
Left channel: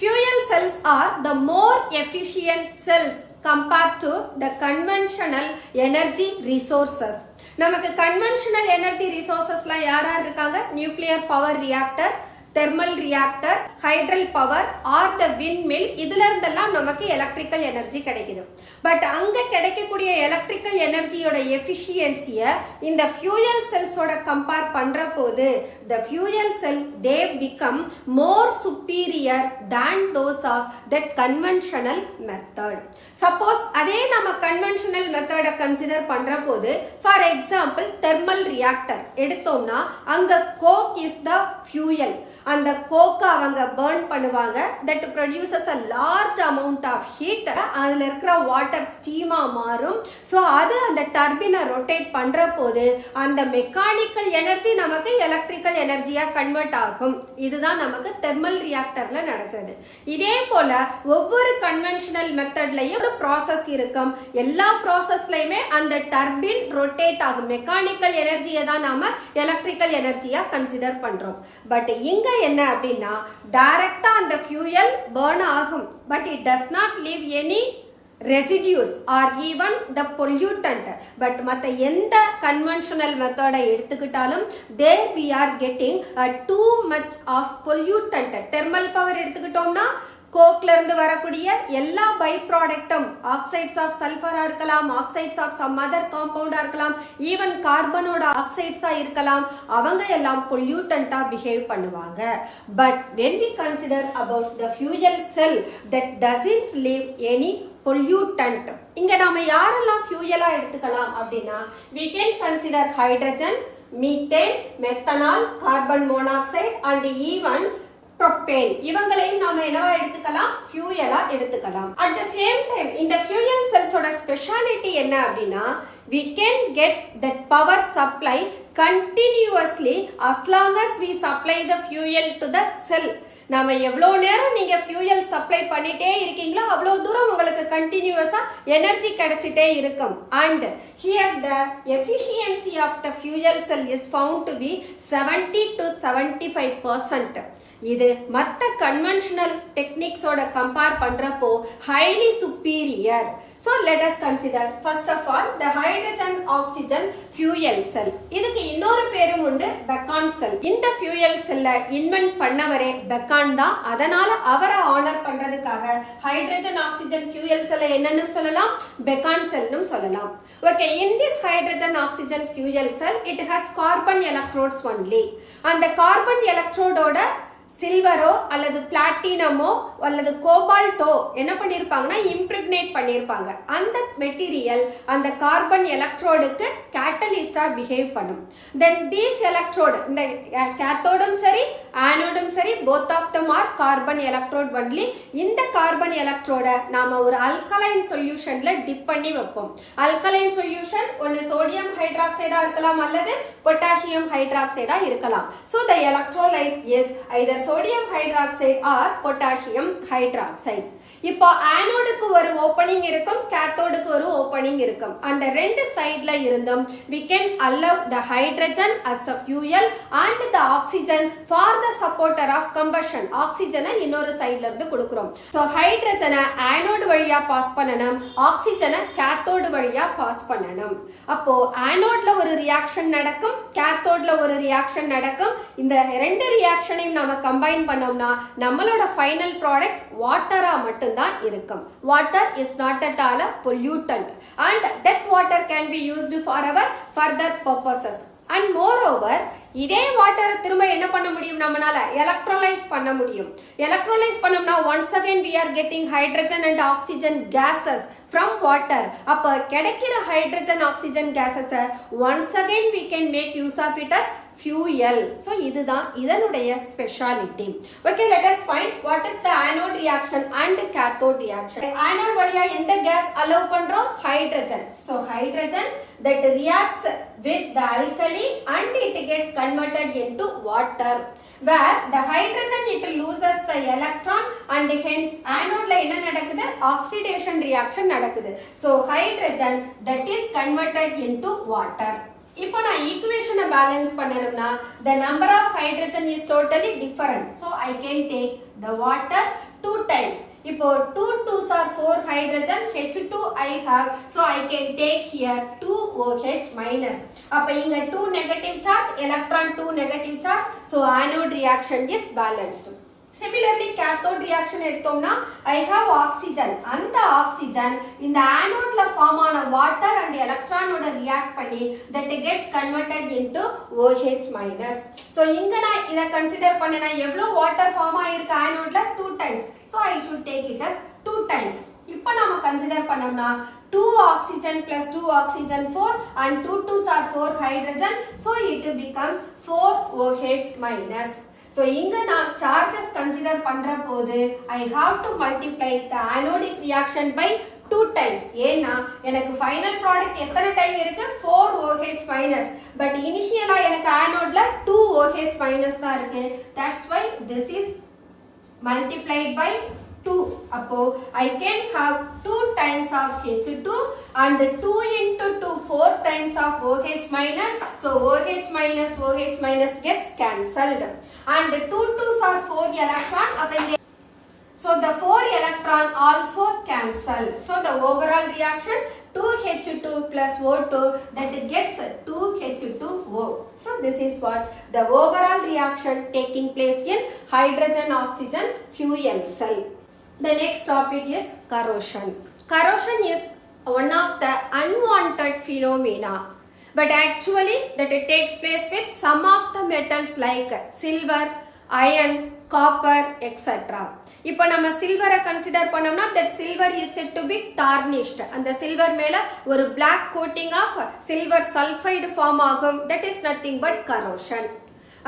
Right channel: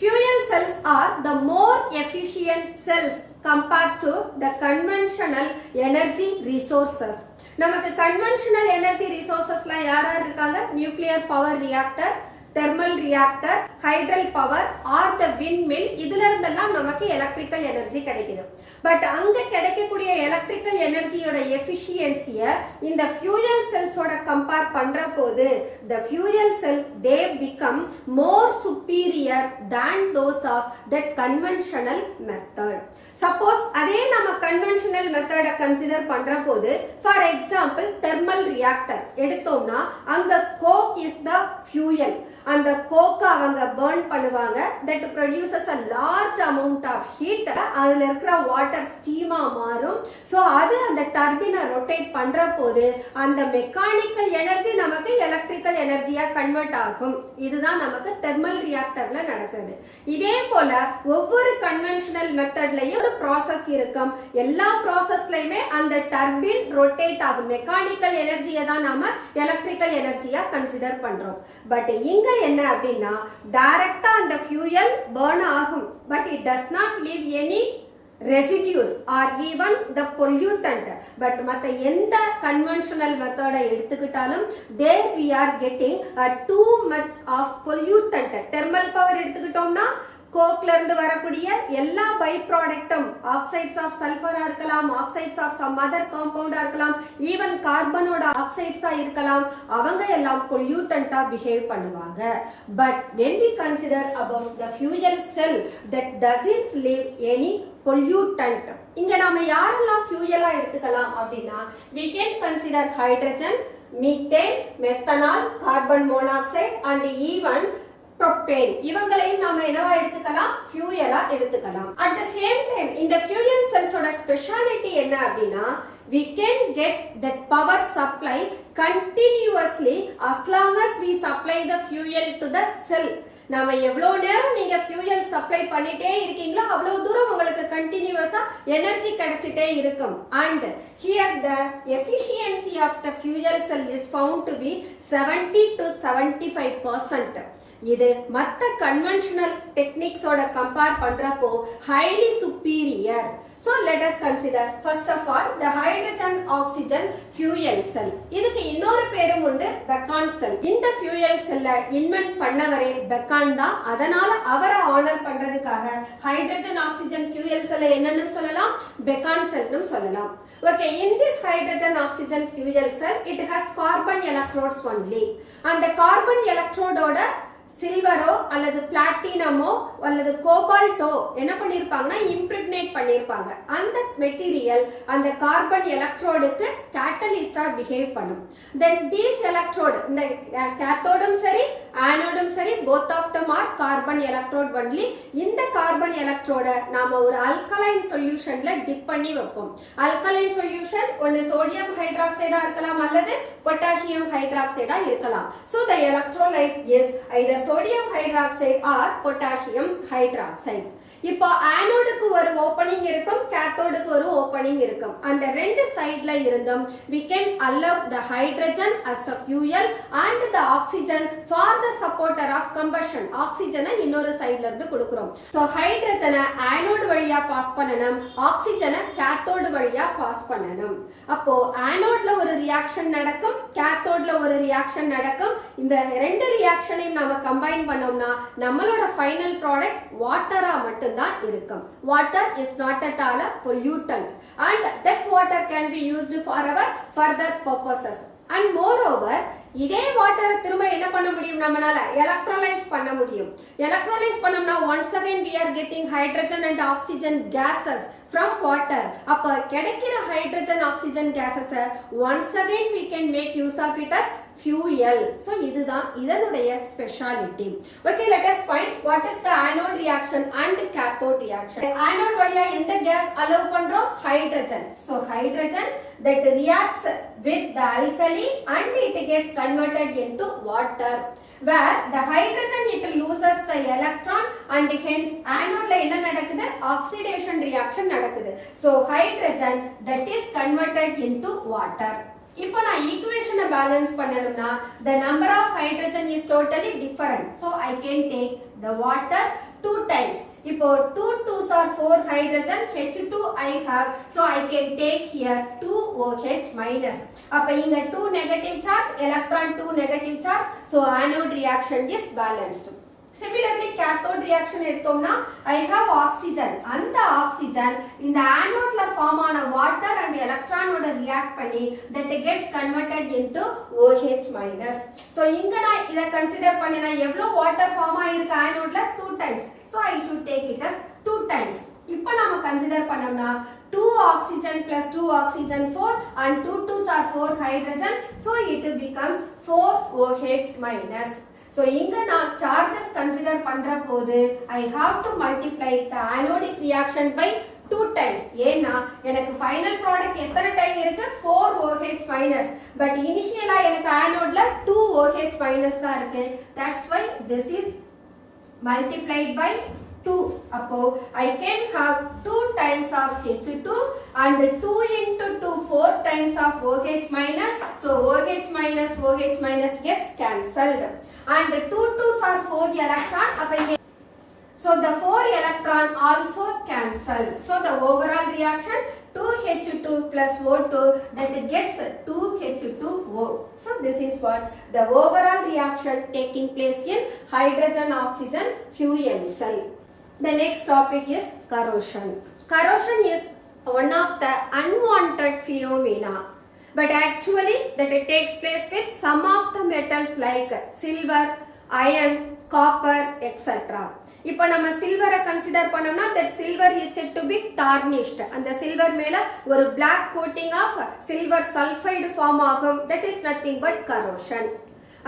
Fuel cells are the more efficient cells compared to the conventional energy resources. நமக்கு conventional energy resourcesல யார் இருக்காங்க? Nuclear power reactor, thermal reactor, hydel power or the windmill. இதுல இருந்தெல்லாம் நமக்கு electrical energy கிடைக்குது. பட் அங்க கிடைக்கக்கூடிய electrical energyயோட efficiency-ய இந்த fuel cells-ஓட compare பண்ற போது the fuel cell they become more superior than those of that conventional method. Suppose அதே நம்ம conventional method-அ consider பண்ற போது for example thermal reactor எடுத்தோம்னா அங்க coke is the fuel. அந்த கோக்கை அவங்க burn பண்ணுவாங்க. that produces a large amount of heat. அதுல இருக்கிற வாட்டர் ஸ்டீமா மாறும். ஸோ அது அந்த டர்பினை ரொட்டேட் பண்ற போது அந்த மெக்கானிக்கல் எனர்ஜி நமக்கு எலக்ட்ரிக்கல் எனர்ஜியா கன்வெர்ட் ஆகும். இதுதான் நமக்கு தெர்மல் ரியாக்டர்ல நடக்குது. இதே போல ஒவ்வொரு கன்வென்ஷனல் மெத்தட்லயும் ஒரு ப்ராசஸ் இருக்கும். எல்லா ப்ராசஸ்லயுமே அந்த டர்பின் ரொட்டேட் ஆகும். மெக்கானிக்கல் எனர்ஜியை தான் நாம எலக்ட்ரிக்கல் எனர்ஜியா கன்சிடர் பண்றோம். பட் இங்க என்ன அப்படின்னா டைரக்டா அந்த ஃபியூயல் பர்ன் ஆகும். But it does not leave any residues or even the pollutant. but மத்த எந்த conventional method எடுத்துக்கிட்டாலும் there we are getting too much of pollutant. thermal power எடுத்துக்கிட்டோம்னா கோக்ல இருந்து வரக்கூடிய எல்லா பை ப்ராடக்ட்டும் ஆக்சைட்ஸ் ஆஃப் சல்ஃபரா இருக்கலாம், ஆக்சைட்ஸ் ஆஃப் சம் அதர் காம்பவுண்டா இருக்கலாம், ஈவன் கார்பனோட ஆக்சைட்ஸா இருக்கலாம். அவங்க எல்லாம் பொல்யூட்டண்டா பிஹேவ் பண்ணுவாங்க. But when we consider about the fuel cell that doesn't leave any pollutant. இங்க நாம யாரெல்லாம் ஃபியூயலா எடுத்துக்கலாம் அப்படின்னா we can consider hydrogen, methane, methanol, carbon monoxide and even propane. இவங்களையும் நாம என்னவா எடுத்துக்கலாம்? ஃபியூயலா எடுத்துக்கலாம். at the same time இந்த fuel cells ஓட ஸ்பெஷாலிட்டி என்ன அப்படின்னா we can get that power supply continuously as long as we supply the fuel to the cell. நாம எவ்வளோ நேரம் நீங்க ஃபியூயல் சப்ளை பண்ணிட்டே இருக்கீங்களோ அவ்வளோ தூரம் உங்களுக்கு கண்டினியூஸா எனர்ஜி கிடைச்சிட்டே இருக்கும். And here the efficiency of the fuel cell is found to be 70 to 75%. இது மற்ற கன்வென்ஷனல் டெக்னிக்ஸோட கம்பேர் பண்றப்போ highly superior. So let us consider first of all the hydrogen oxygen fuel cell. இதுக்கு இன்னொரு பேரும் உண்டு, பெக்கான் செல். இந்த fuel cell இன்வென்ட் பண்ணவரே பெக்கான் தான். அதனால அவரை ஆனர் பண்றதுக்காக ஹைட்ரஜன் ஆக்சிஜன் fuel cell என்னன்னு சொல்லலாம்? பெக்கான் செல்னு சொல்லலாம். Okay, in this hydrogen oxygen fuel cell it has carbon electrodes only. அந்த கார்பன் எலக்ட்ரோடோட சில்வரோ அல்லது பிளாட்டினமோ அல்லது கோபால்ட்டோ என்ன பண்ணிருப்பாங்கன்னா இம்ப்ரிக்னேட் பண்ணிருப்பாங்க. அந்த மெட்டீரியல் அந்த கார்பன் எலக்ட்ரோடுக்கு கேட்டலிஸ்டா பிஹேவ் பண்ணும். தென் தீஸ் எலக்ட்ரோடு இந்த கேத்தோடும் சரி ஆனோடும் சரி both of them are carbon electrode only. இந்த கார்பன் எலக்ட்ரோட நாம ஒரு அல்கலைன் சொல்யூஷன்ல டிப் பண்ணி வைப்போம். அல்கலைன் சொல்யூஷன் ஒன்னு சோடியம் ஹைட்ராக்சைடா இருக்கலாம் அல்லது பொட்டாசியம் ஹைட்ராக்சைடா இருக்கலாம். So the electrolyte is either sodium hydroxide or potassium hydroxide. இப்போ ஆனோடுக்கு ஒரு ஓபனிங் இருக்கும், கேத்தோடுக்கு ஒரு ஓபனிங் இருக்கும். அந்த ரெண்டு சைடுல இருந்தும் we can allow the hydrogen as a fuel and the oxygen for the supporter of combustion. ஆக்சிஜனை இன்னொரு சைடுல இருந்து கொடுக்கிறோம். சோ ஹைட்ரஜனை ஆனோடு வழியா பாஸ் பண்ணணும், ஆக்சிஜனை கேத்தோடு வழியா பாஸ் பண்ணணும். அப்போ ஆனோட்ல ஒரு ரியாக்ஷன் நடக்கும், கேத்தோட்ல ஒரு ரியாக்ஷன் நடக்கும். இந்த ரெண்டு ரியாக்ஷனையும் நாம கம்பைன் பண்ணோம்னா நம்மளோட ஃபைனல் ப்ராடக்ட் வாட்டரா மட்டும் தான் இருக்கும். Water is not at all a pollutant and that water can be used for our further purposes. And more over இதே வாட்டரை திரும்ப என்ன பண்ண முடியும், நம்மளால எலக்ட்ரோலைஸ் பண்ண முடியும். எலக்ட்ரோலைஸ் பண்ணோம்னா once again we are getting hydrogen and oxygen gases from water. அப்ப கிடைக்கிற hydrogen oxygen gases once again we can make use of it as fuel. So இதுதான் இதனுடைய speciality. Okay, let us find what is the anode reaction and cathode reaction. Anode வழியா எந்த gas allow பண்றோம், hydrogen. So hydrogen that reacts with the alkali and it gets converted into water, where the hydrogen it loses the electron and hence anode la enna nadakudhu, oxidation reaction nadakudhu. So hydrogen that is converted into water. இப்போ நான் ஈக்குவேஷனை பேலன்ஸ் பண்ணணும்னா the number of hydrogen is totally different, so I can take the water 2 times. இப்போ 2 2s are 4 hydrogen, H2 I have, so I can take here 2 OH minus. அப்ப இங்க 2 negative charge, electron 2 negative charge, so anode reaction is balanced. Similarly, cathode reaction எடுத்தோம்னா I have oxygen. அந்த oxygen இந்த anodeல ஃபார்ம் ஆன water and electron ஓட react பண்ணி that gets converted into OH minus. So இங்க நான் இத கன்சிடர் பண்ணேனா எவ்வளவு water ஃபார்ம் ஆயிருக்கு anodeல 2 times. So I should take it as 2 times. இப்போ நாம கன்சிடர் பண்ணோம்னா 2 oxygen plus 2 oxygen 4 and 2 2s are 4 hydrogen, so it becomes 4 OH minus. So இங்க நான் charges consider பண்ற போது I have to multiply the anodic reaction by 2 times. ஏன்னா எனக்கு final product எத்தனை டைம் இருக்கு, 4 OH minus, but initially எனக்கு anodeல 2 OH minus தான் இருக்கு. That's why this is multiplied by 2. அப்போ I can have 2 times of H2 and 2 into 2 4 times of OH minus. So OH minus gets cancelled. And 2 2s are 4 electron. So the 4 electron also cancel. So the overall reaction 2H2 plus O2 that gets 2H2O. So this is what the overall reaction taking place in hydrogen oxygen fuel cell. The next topic is corrosion. Corrosion is one of the unwanted phenomena, but actually that it takes place with some of the metals like silver, iron, copper, etc. இப்போ நம்ம சில்வரை கன்சிடர் பண்ணோம்னா that silver is said to be tarnished. அந்த சில்வர் மேல ஒரு black coating of silver sulfide form ஆகும். That is nothing but corrosion.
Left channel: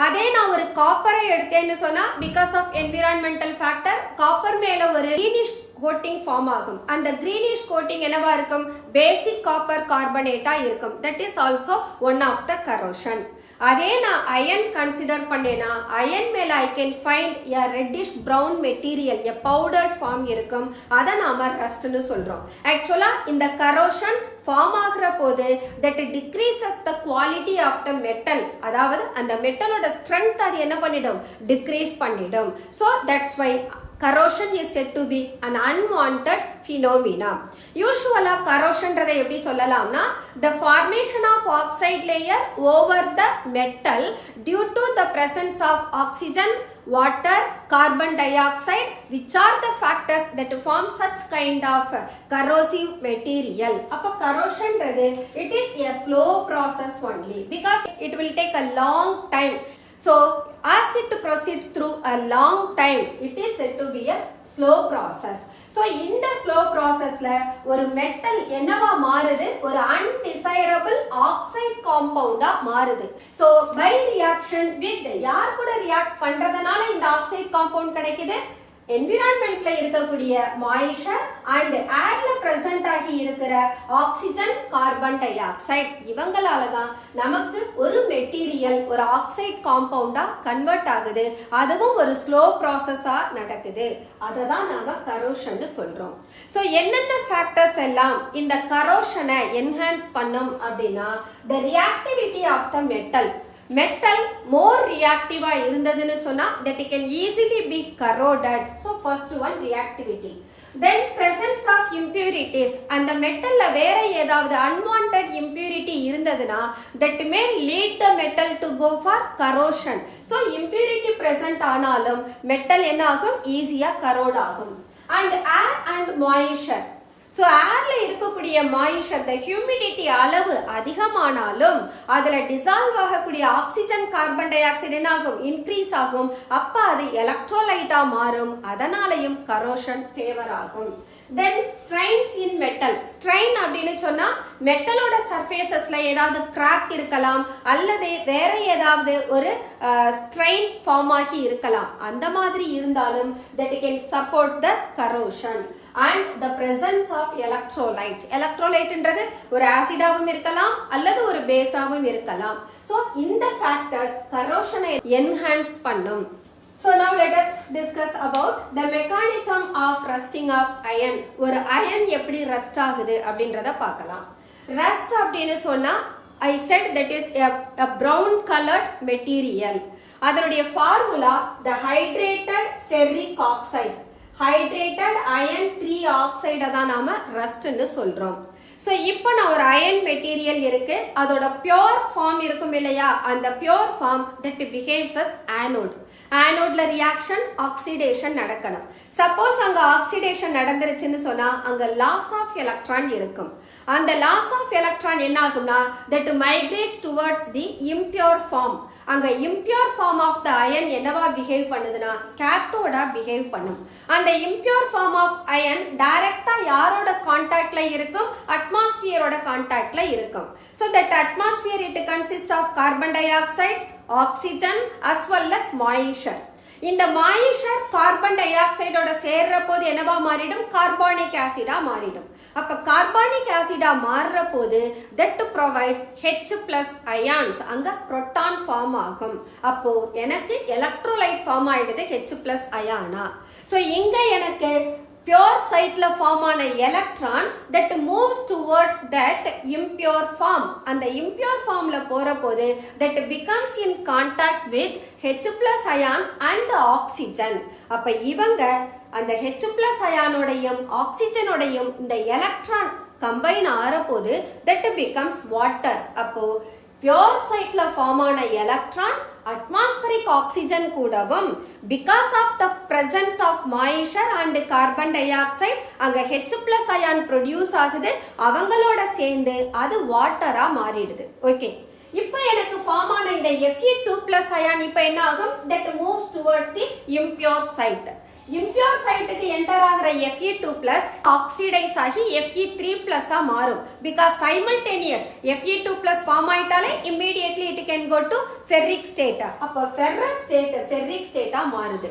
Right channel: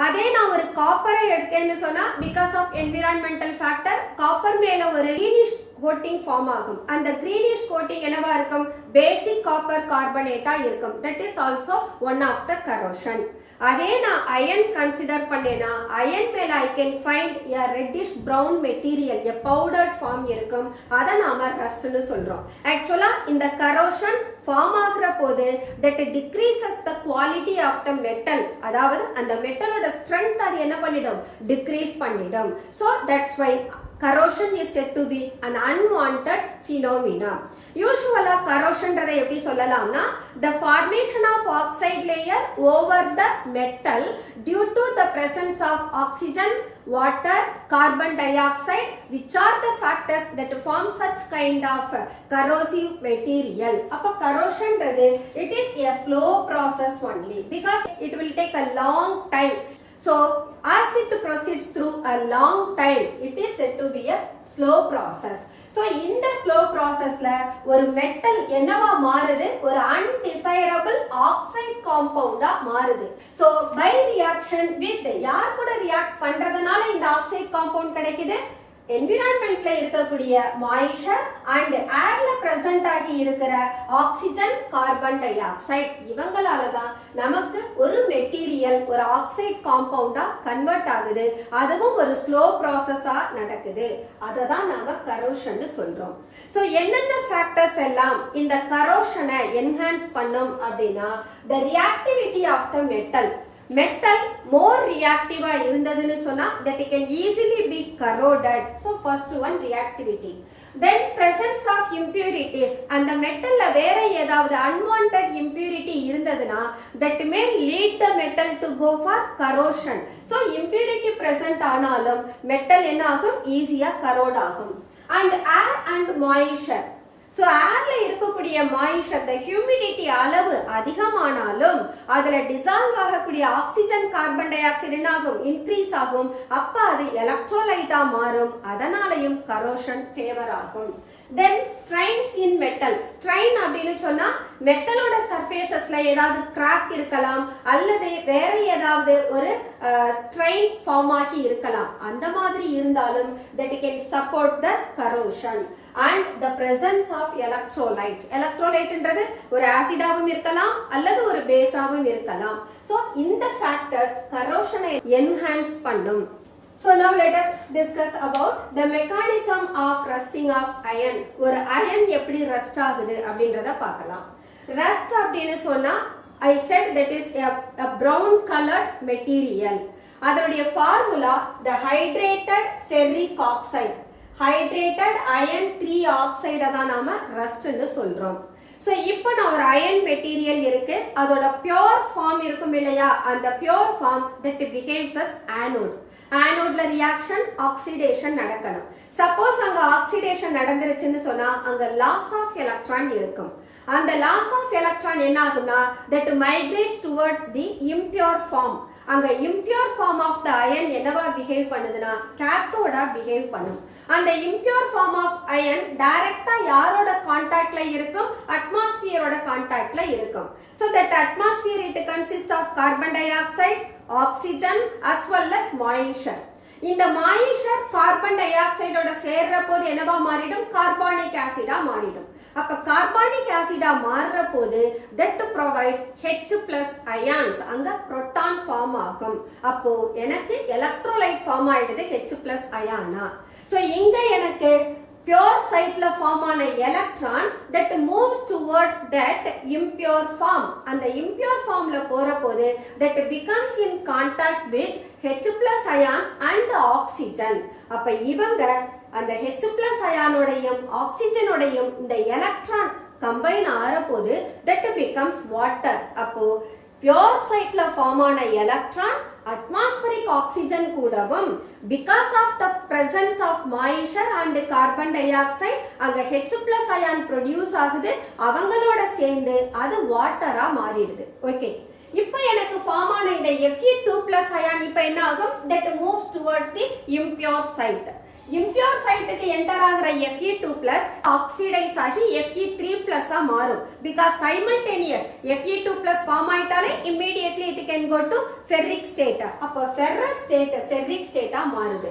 அதே நான் ஒரு காப்பரை எடுத்தேன்னு சொன்னா because of environmental factor copper மேல ஒரு greenish coating form ஆகும். அந்த greenish coating என்னவா இருக்கும், basic copper carbonate இருக்கும். That is also one of the corrosion. அதே நான் iron consider பண்ணேனா iron மேல I can find a reddish brown material, a powdered form இருக்கும். அதை நாம rustன்னு சொல்றோம். Actually இந்த corrosion form ஆகிற போது that decreases the quality of the metal, அதாவது அந்த மெட்டலோட strength அது என்ன பண்ணிடும், decrease பண்ணிடும். So that's why corrosion is said to be an unwanted phenomena. Usually corrosion ரதை எப்படி சொல்லலாம்னா the formation of oxide layer over the metal due to the presence of oxygen, water, carbon dioxide, which are the factors that form such kind of corrosive material. அப்ப corrosion Rathu it is a slow process only because it will take a long time. So as it proceeds through a long time, it is said to be a slow process. So இந்த slow processல ஒரு metal என்னவா மாறுது, ஒரு undesirable oxide compound மாறுது. So by reaction with யார் கூட react பண்றதனால இந்த oxide compound கிடைக்குது, environmentல இருக்கக்கூடிய moisture and airல present ஆகி இருக்கிற oxygen, carbon dioxide இவங்களால தான் நமக்கு ஒரு மெட்டீரியல் ஒரு ஆக்சைடு காம்பவுண்டா கன்வெர்ட் ஆகுது. அதுவும் ஒரு ஸ்லோ ப்ராசஸா நடக்குது. அதை தான் நாம கரோஷன் சொல்றோம். ஸோ என்னென்ன ஃபேக்டர்ஸ் எல்லாம் இந்த கரோஷனை என்ஹான்ஸ் பண்ணும் அப்படின்னா the reactivity of the metal more reactive-ஆ இருந்ததுன்னு சொன்னா that it can easily be corroded. So first one reactivity. Then presence of impurities. அந்த மெட்டல்ல வேற ஏதாவது unwanted impurity இருந்ததுன்னா that may lead the metal to go for corrosion. So impurity present ஆனாலும் metal என்ன ஆகும், ஈஸியா corrode ஆகும். And air and moisture. So ஏர்ல இருக்கக்கூடிய மாயிஷர் the ஹியூமிடிட்டி அளவு அதிகமானாலும் அதுல டிசால்வ் ஆகக்கூடிய ஆக்சிஜன் கார்பன் டை ஆக்சைடு என்ன ஆகும், இன்க்ரீஸ் ஆகும். அப்ப அது எலக்ட்ரோலைட்டா மாறும். அதனாலையும் கரோஷன் ஃபேவர் ஆகும். தென் ஸ்ட்ரைன்ஸ் இன் மெட்டல். ஸ்ட்ரைன் அப்படின்னு சொன்னா மெட்டலோட சர்ஃபேசஸ்ல ஏதாவது கிராக் இருக்கலாம் அல்லது வேற ஏதாவது ஒரு ஸ்ட்ரைன் ஃபார்ம் ஆகி இருக்கலாம். அந்த மாதிரி இருந்தாலும் that can support the corrosion and the presence of electrolyte. எலக்ட்ரோலைட்ன்றது ஒரு ஆசிடாவும் இருக்கலாம் அல்லது ஒரு பேஸாவும் இருக்கலாம். ஸோ இந்த ஃபேக்டர்ஸ் கரோஷனை என்ஹான்ஸ் பண்ணும். So now let us discuss about the mechanism of rusting of iron. ஒரு iron எப்படி rust ஆகுது அப்படின்றத பார்க்கலாம். Rust அப்படின்னு சொன்னா I said that is a brown colored material. அதனுடைய formula the hydrated ferric oxide. hydrated iron 3 oxide தான் நாம ரஸ்ட்னு சொல்றோம். ஸோ இப்போ நான் ஒரு அயன் மெட்டீரியல் இருக்கு, அதோட பியோர் ஃபார்ம் இருக்கும் இல்லையா, அந்த pure form that behaves as anode. ஆனோட்ல ரியாக்ஷன் ஆக்சிடேஷன் நடக்கணும். சப்போஸ் அங்க ஆக்சிடேஷன் நடந்துருச்சுன்னு சொன்னா அங்க லாஸ் ஆஃப் எலக்ட்ரான் இருக்கும். அந்த லாஸ் ஆஃப் எலக்ட்ரான் என்ன ஆகும்னா that migrates towards the impure form. அங்க impure form of the ion என்னவா பிஹேவ் பண்ணுதுன்னா கேத்தோடா பிஹேவ் பண்ணும். அந்த இம்பியூர் ஃபார்ம் ஆஃப் அயன் டைரக்டா யாரோட கான்டாக்ட்ல இருக்கும், அட்மாஸ்பியரோட கான்டாக்ட்ல இருக்கும். So that atmosphere it consist of carbon dioxide, oxygen as well as moisture. இந்த மாயிஷர் கார்பன் டை ஆக்சைடோட சேர்ற போது என்னவா மாறிடும், கார்பானிக் ஆசிடா மாறிடும். அப்ப கார்பானிக் ஆசிடா மாறுற போது தட் ப்ரொவைட்ஸ் H+ அயான்ஸ், அங்க புரோட்டான் ஃபார்ம் ஆகும். அப்போ எனக்கு எலக்ட்ரோலைட் ஃபார்ம் ஆயிடுது H+ அயானா. ஸோ இங்க எனக்கு pure சைட்ல ஃபார்ம் ஆன electron that moves towards that impure form. அந்த impure formல போற போது that becomes in contact with H+ ion and oxygen. அப்ப இவங்க அந்த H+ அயானோடையும் ஆக்சிஜனோடையும் இந்த எலக்ட்ரான் கம்பைன் ஆற போது that becomes water. அப்போ pure சைட்ல ஃபார்ம் ஆன எலக்ட்ரான் atmospheric oxygen கூடவும் because of the presence of moisture and carbon dioxide அங்க H+ ion produce ஆகுது. அவங்களோட சேர்ந்து அது வாட்டரா மாறிடுது. ஓகே, இப்போ எனக்கு ஃபார்ம் ஆன இந்த Fe2+ ion இப்போ என்ன ஆகும், that moves towards the impure site. impure சைட்டுக்கு என்டர் ஆகிற Fe2+ ஆக்சிடைஸ் ஆகி Fe3+ மாறும். பிகாஸ் சைமல்டேனியஸ் Fe2+ ஃபார்ம் ஆயிட்டாலே immediately it can go to ferric state. அப்போ ferrous state ferric state மாறுது.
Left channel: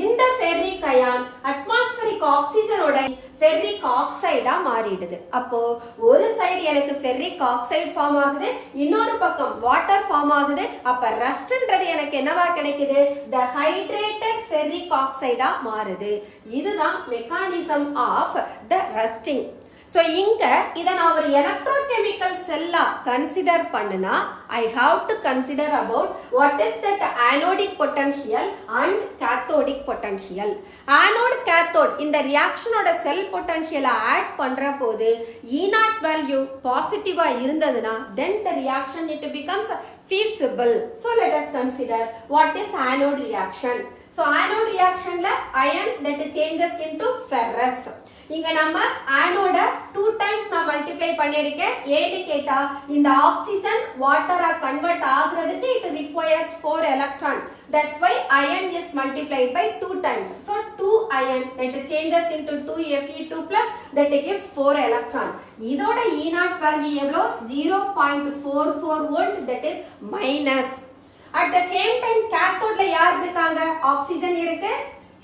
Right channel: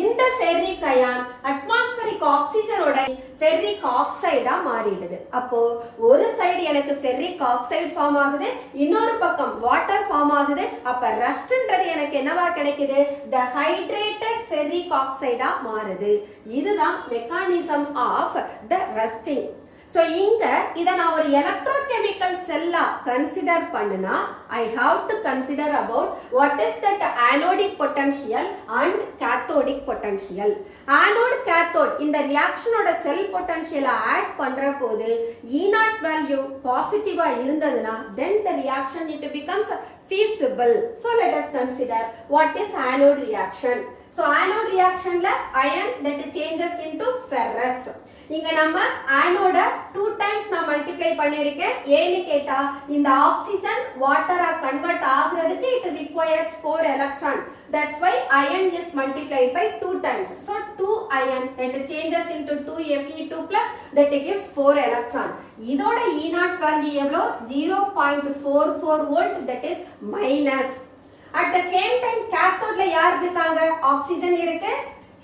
இந்த ஃபெர்ரிக் அயான் அட்மாஸ்பரிக் ஆக்சிஜனோட ஃபெர்ரிக் ஆக்சைடா மாறிடுது. அப்போ ஒரு சைடு எனக்கு ஃபெர்ரிக் ஆக்சைடு ஃபார்ம் ஆகுது, இன்னொரு பக்கம் வாட்டர் ஃபார்ம் ஆகுது. அப்ப ரஸ்ட்ன்றது எனக்கு என்னவா கிடைக்குது, த ஹைட்ரேட்டட் ஃபெர்ரிக் ஆக்சைடா மாறுது. இதுதான் mechanism of the rusting. So இங்க இதை நான் ஒரு எலக்ட்ரோகெமிக்கல் செல்லா கன்சிடர் பண்ணுனா I have to consider about what is that anodic potential and cathodic potential. Anode cathode இந்த ரியாக்ஷனோட செல் பொட்டன்ஷியலை ஆட் பண்ற போது E0 வேல்யூ பாசிட்டிவா இருந்ததுன்னா then the reaction it becomes feasible. So let us consider what is anode reaction. So anode reactionல iron that changes into ferrous. இங்க நம்ம ஆனோட 2 times நான் மல்டிப்ளை பண்ணிருக்கேன். ஏன்னு கேட்டா இந்த ஆக்சிஜன் வாட்டரா கன்வெர்ட் ஆகுறதுக்கு it requires 4 electron. That's why iron is multiplied by 2 times. So 2 iron that changes into 2 Fe2+ that gives 4 electron. இதோட E0 வேல்யூ எவ்வளோ, 0.44 volt, that is minus. At the same time கேத்தோட்ல யார் இருக்காங்க, ஆக்சிஜன் இருக்கு,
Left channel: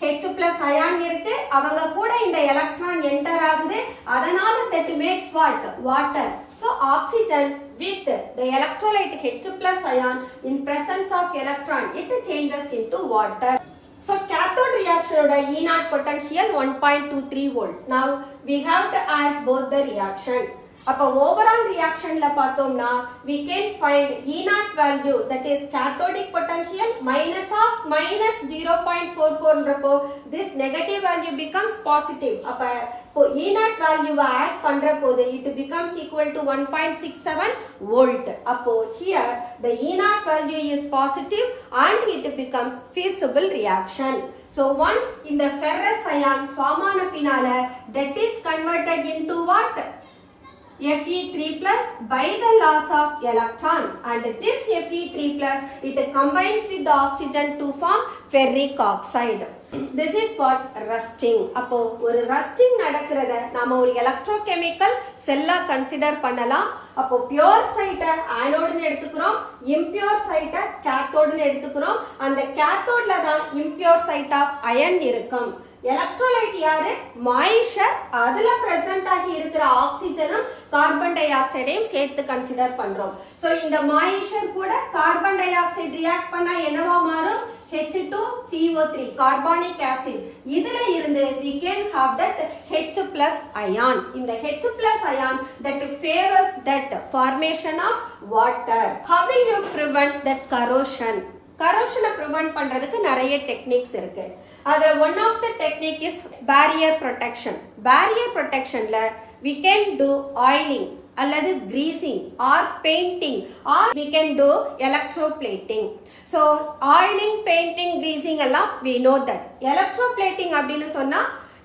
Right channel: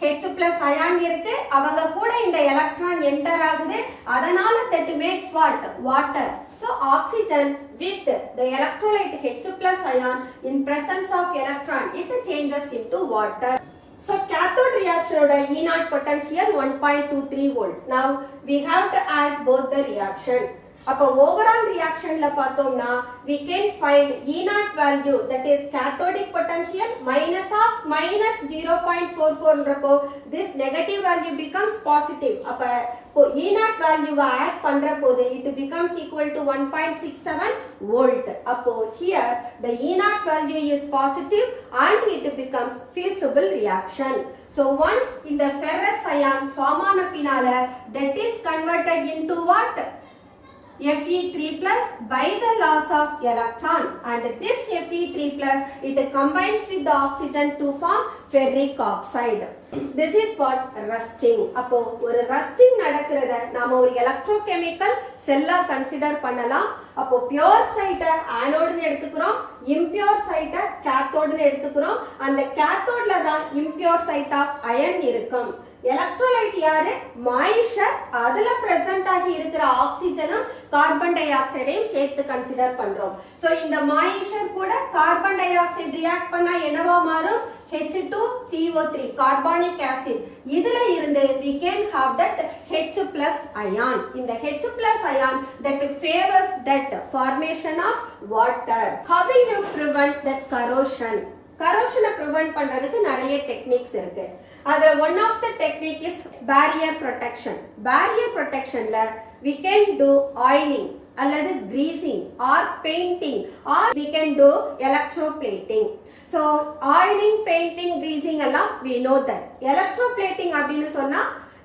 H+ அயான் இருக்கு, அவங்க கூட இந்த எலக்ட்ரான் என்டர் ஆகுது. அதனால that makes what, water. So oxygen with the electrolyte H+ ion in presence of electron it changes into water. So cathode reaction oda E0 potential 1.23 volt. Now we have to add both the reaction. அப்ப overall reactionல பார்த்தோம்னா we can find E naught value, that is cathodic potential minus of minus 0.44 ன்றப்போ this negative value becomes positive. அப்ப E naught value add பண்ற போது it becomes equal to 1.67 volt. அப்போ here the E naught value is positive and it becomes feasible reaction. So once in the ferrous ion form ஆன பின்னால that is converted into what? Fe3 plus by the loss of electron, and this Fe3 plus it combines with the oxygen to form ferric oxide. This is what rusting. அப்போ ஒரு rusting நடக்கிறத நாம ஒரு electrochemical செல்லா கன்சிடர் பண்ணலாம். அப்போ pure site ஆனோடுன்னு எடுத்துக்கிறோம், impure site கேத்தோடுன்னு எடுத்துக்கிறோம். அந்த கேத்தோட்ல தான் impure site of iron இருக்கும். எலக்ட்ரோலைட் யாரு? மாய்ஸ்சர். அதுல பிரசன்ட் ஆகி இருக்கிற ஆக்சிஜனும் கார்பன் டை ஆக்சைடையும் சேர்த்து கன்சிடர் பண்றோம். சோ இந்த மாய்ஸ்சர் கூட கார்பன் டை ஆக்சைடு ரியாக்ட் பண்ணா என்னவா மாறும்? H2CO3 carbonic acid. இதுல இருந்து we can have that H plus ion. இந்த H plus ion that favors that formation of water. How will you prevent that corrosion? கரோஷனை ப்ரிவென்ட் பண்றதுக்கு நிறைய டெக்னிக்ஸ் இருக்கு. அதுல one of the technique is barrier protection. Barrier ப்ரொடெக்ஷன்ல we can do oiling அல்லது greasing or painting or we can do electroplating. So oiling, painting, greasing எல்லாம் we know that. electroplating அப்படின்னு சொன்னா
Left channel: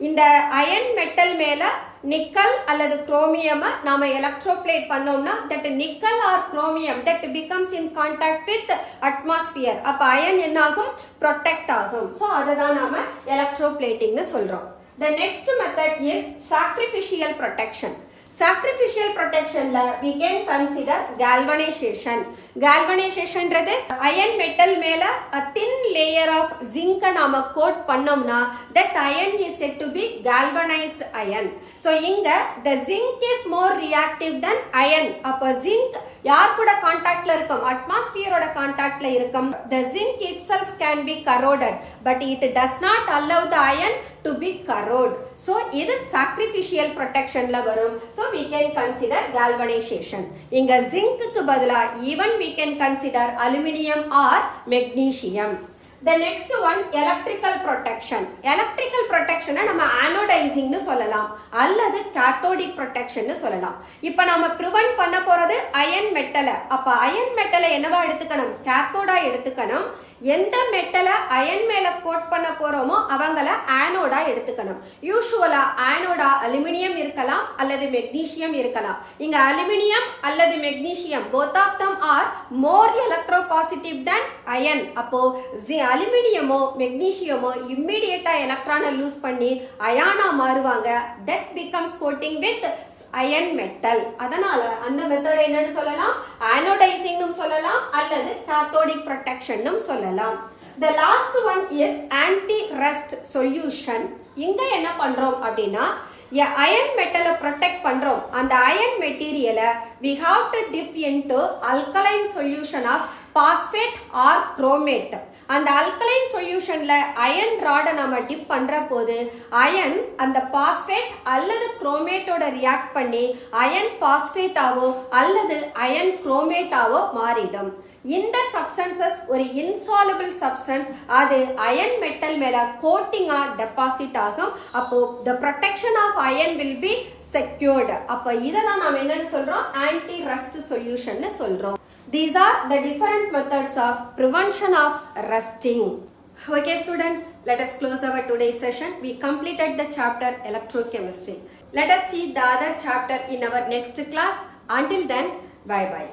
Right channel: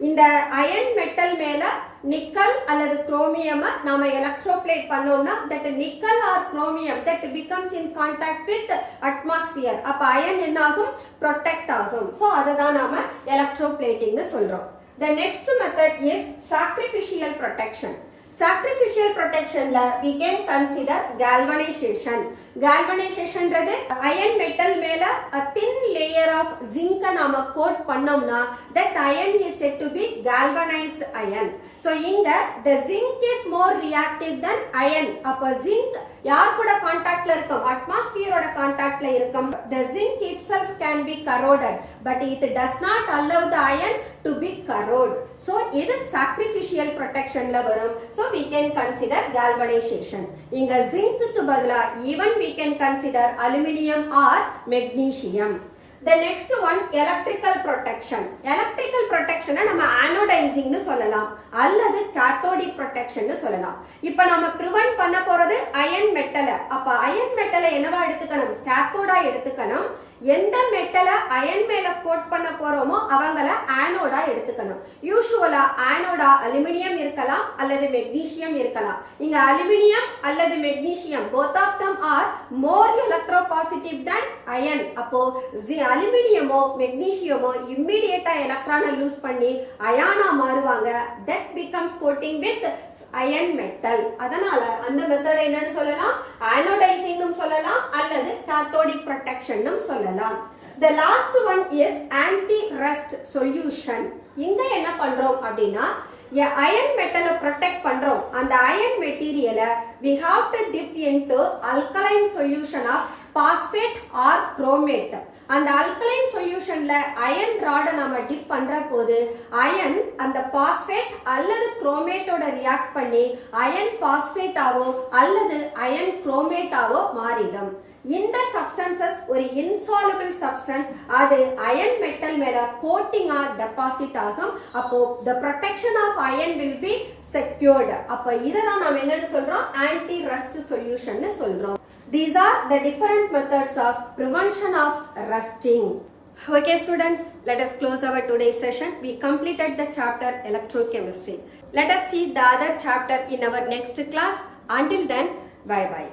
இந்த அயன் மெட்டல் மேல நிக்கல் அல்லது குரோமியம் நாம எலக்ட்ரோப்ளேட் பண்ணோம்னா that nickel or chromium that becomes in contact with atmosphere, அப்ப அயன் என்ன ஆகும்? ப்ரொடெக்ட் ஆகும். சோ அதை தான் நாம எலக்ட்ரோப்ளேட்டிங்னு சொல்றோம். The next method is sacrificial protection. Sacrificial protectionல we can consider galvanization. Galvanizationன்றது iron metal மேல a thin layer of zinc நாம கோட் பண்ணோம்னா that iron is said to be galvanized iron. So இங்க the zinc is more reactive than iron. அப்ப zinc யார் கூட கான்டாக்ட்ல இருக்கும்? அட்மாஸ்பியரோட கான்டாக்ட்ல இருக்கும். The zinc itself can be corroded but it does not allow the iron to be corrode. So இது sacrificial protectionல வரும். So we can consider galvanization. இங்க zinc-க்கு பதிலா even we can consider aluminum or magnesium. The next one electrical protection. Electrical protection நம்ம anodizing னு சொல்லலாம் அல்லது cathodic protection னு சொல்லலாம். இப்போ நாம prevent பண்ண போறது iron metal. அப்ப iron metal என்னவா எடுத்துக்கணும்? cathode எடுத்துக்கணும். எந்த மெட்டலை அயன் மேல கோட் பண்ண போறோமோ அவங்கள ஆனோடா எடுத்துக்கணும். யூசுவலா ஆனோடா அலுமினியம் இருக்கலாம் அல்லது மெக்னீசியம் இருக்கலாம். இங்க அலுமினியம் அல்லது magnesium both of them are more electropositive than iron. அப்போ அலுமினியமோ மெக்னீசியமோ இம்மிடியேட்டா எலக்ட்ரானை லூஸ் பண்ணி அயானா மாறுவாங்க. that becomes coating with iron metal. அதனால அந்த மெத்தட் என்னன்னு சொல்லலாம்? anodizing சொல்லலாம் அல்லது cathodic protection சொல்லலாம். The last one is anti-rust solution. இங்க என்ன பண்றோம் அப்படின்னா அயன் மெட்டலை ப்ரொடெக்ட் பண்றோம். அந்த அயன் மெட்டீரியலை we have to dip into alkaline solution of phosphate or chromate. அந்த alkaline solutionல அயன் ராடை நாம டிப் பண்ற போது அயன் அந்த பாஸ்பேட் அல்லது குரோமேட்டோட ரியாக்ட் பண்ணி அயன் பாஸ்பேட்டாவோ அல்லது அயன் குரோமேட்டாவோ மாறிடும். இந்த சப்ஸ்டன்சஸ் ஒரு இன்சாலபிள் சப்ஸ்டன்ஸ், அது அயன் மெட்டல் மேல கோட்டிங்கா டெபாசிட் ஆகும். அப்போ the protection of iron will be secured. அப்ப இததான் நாம என்னன்னு சொல்றோம்? anti rust solution னு சொல்றோம். These are the different methods of prevention of rusting. Okay students, let us close our today's session. We completed the chapter electrochemistry. Let us see the other chapter in our next class. Until then, bye bye.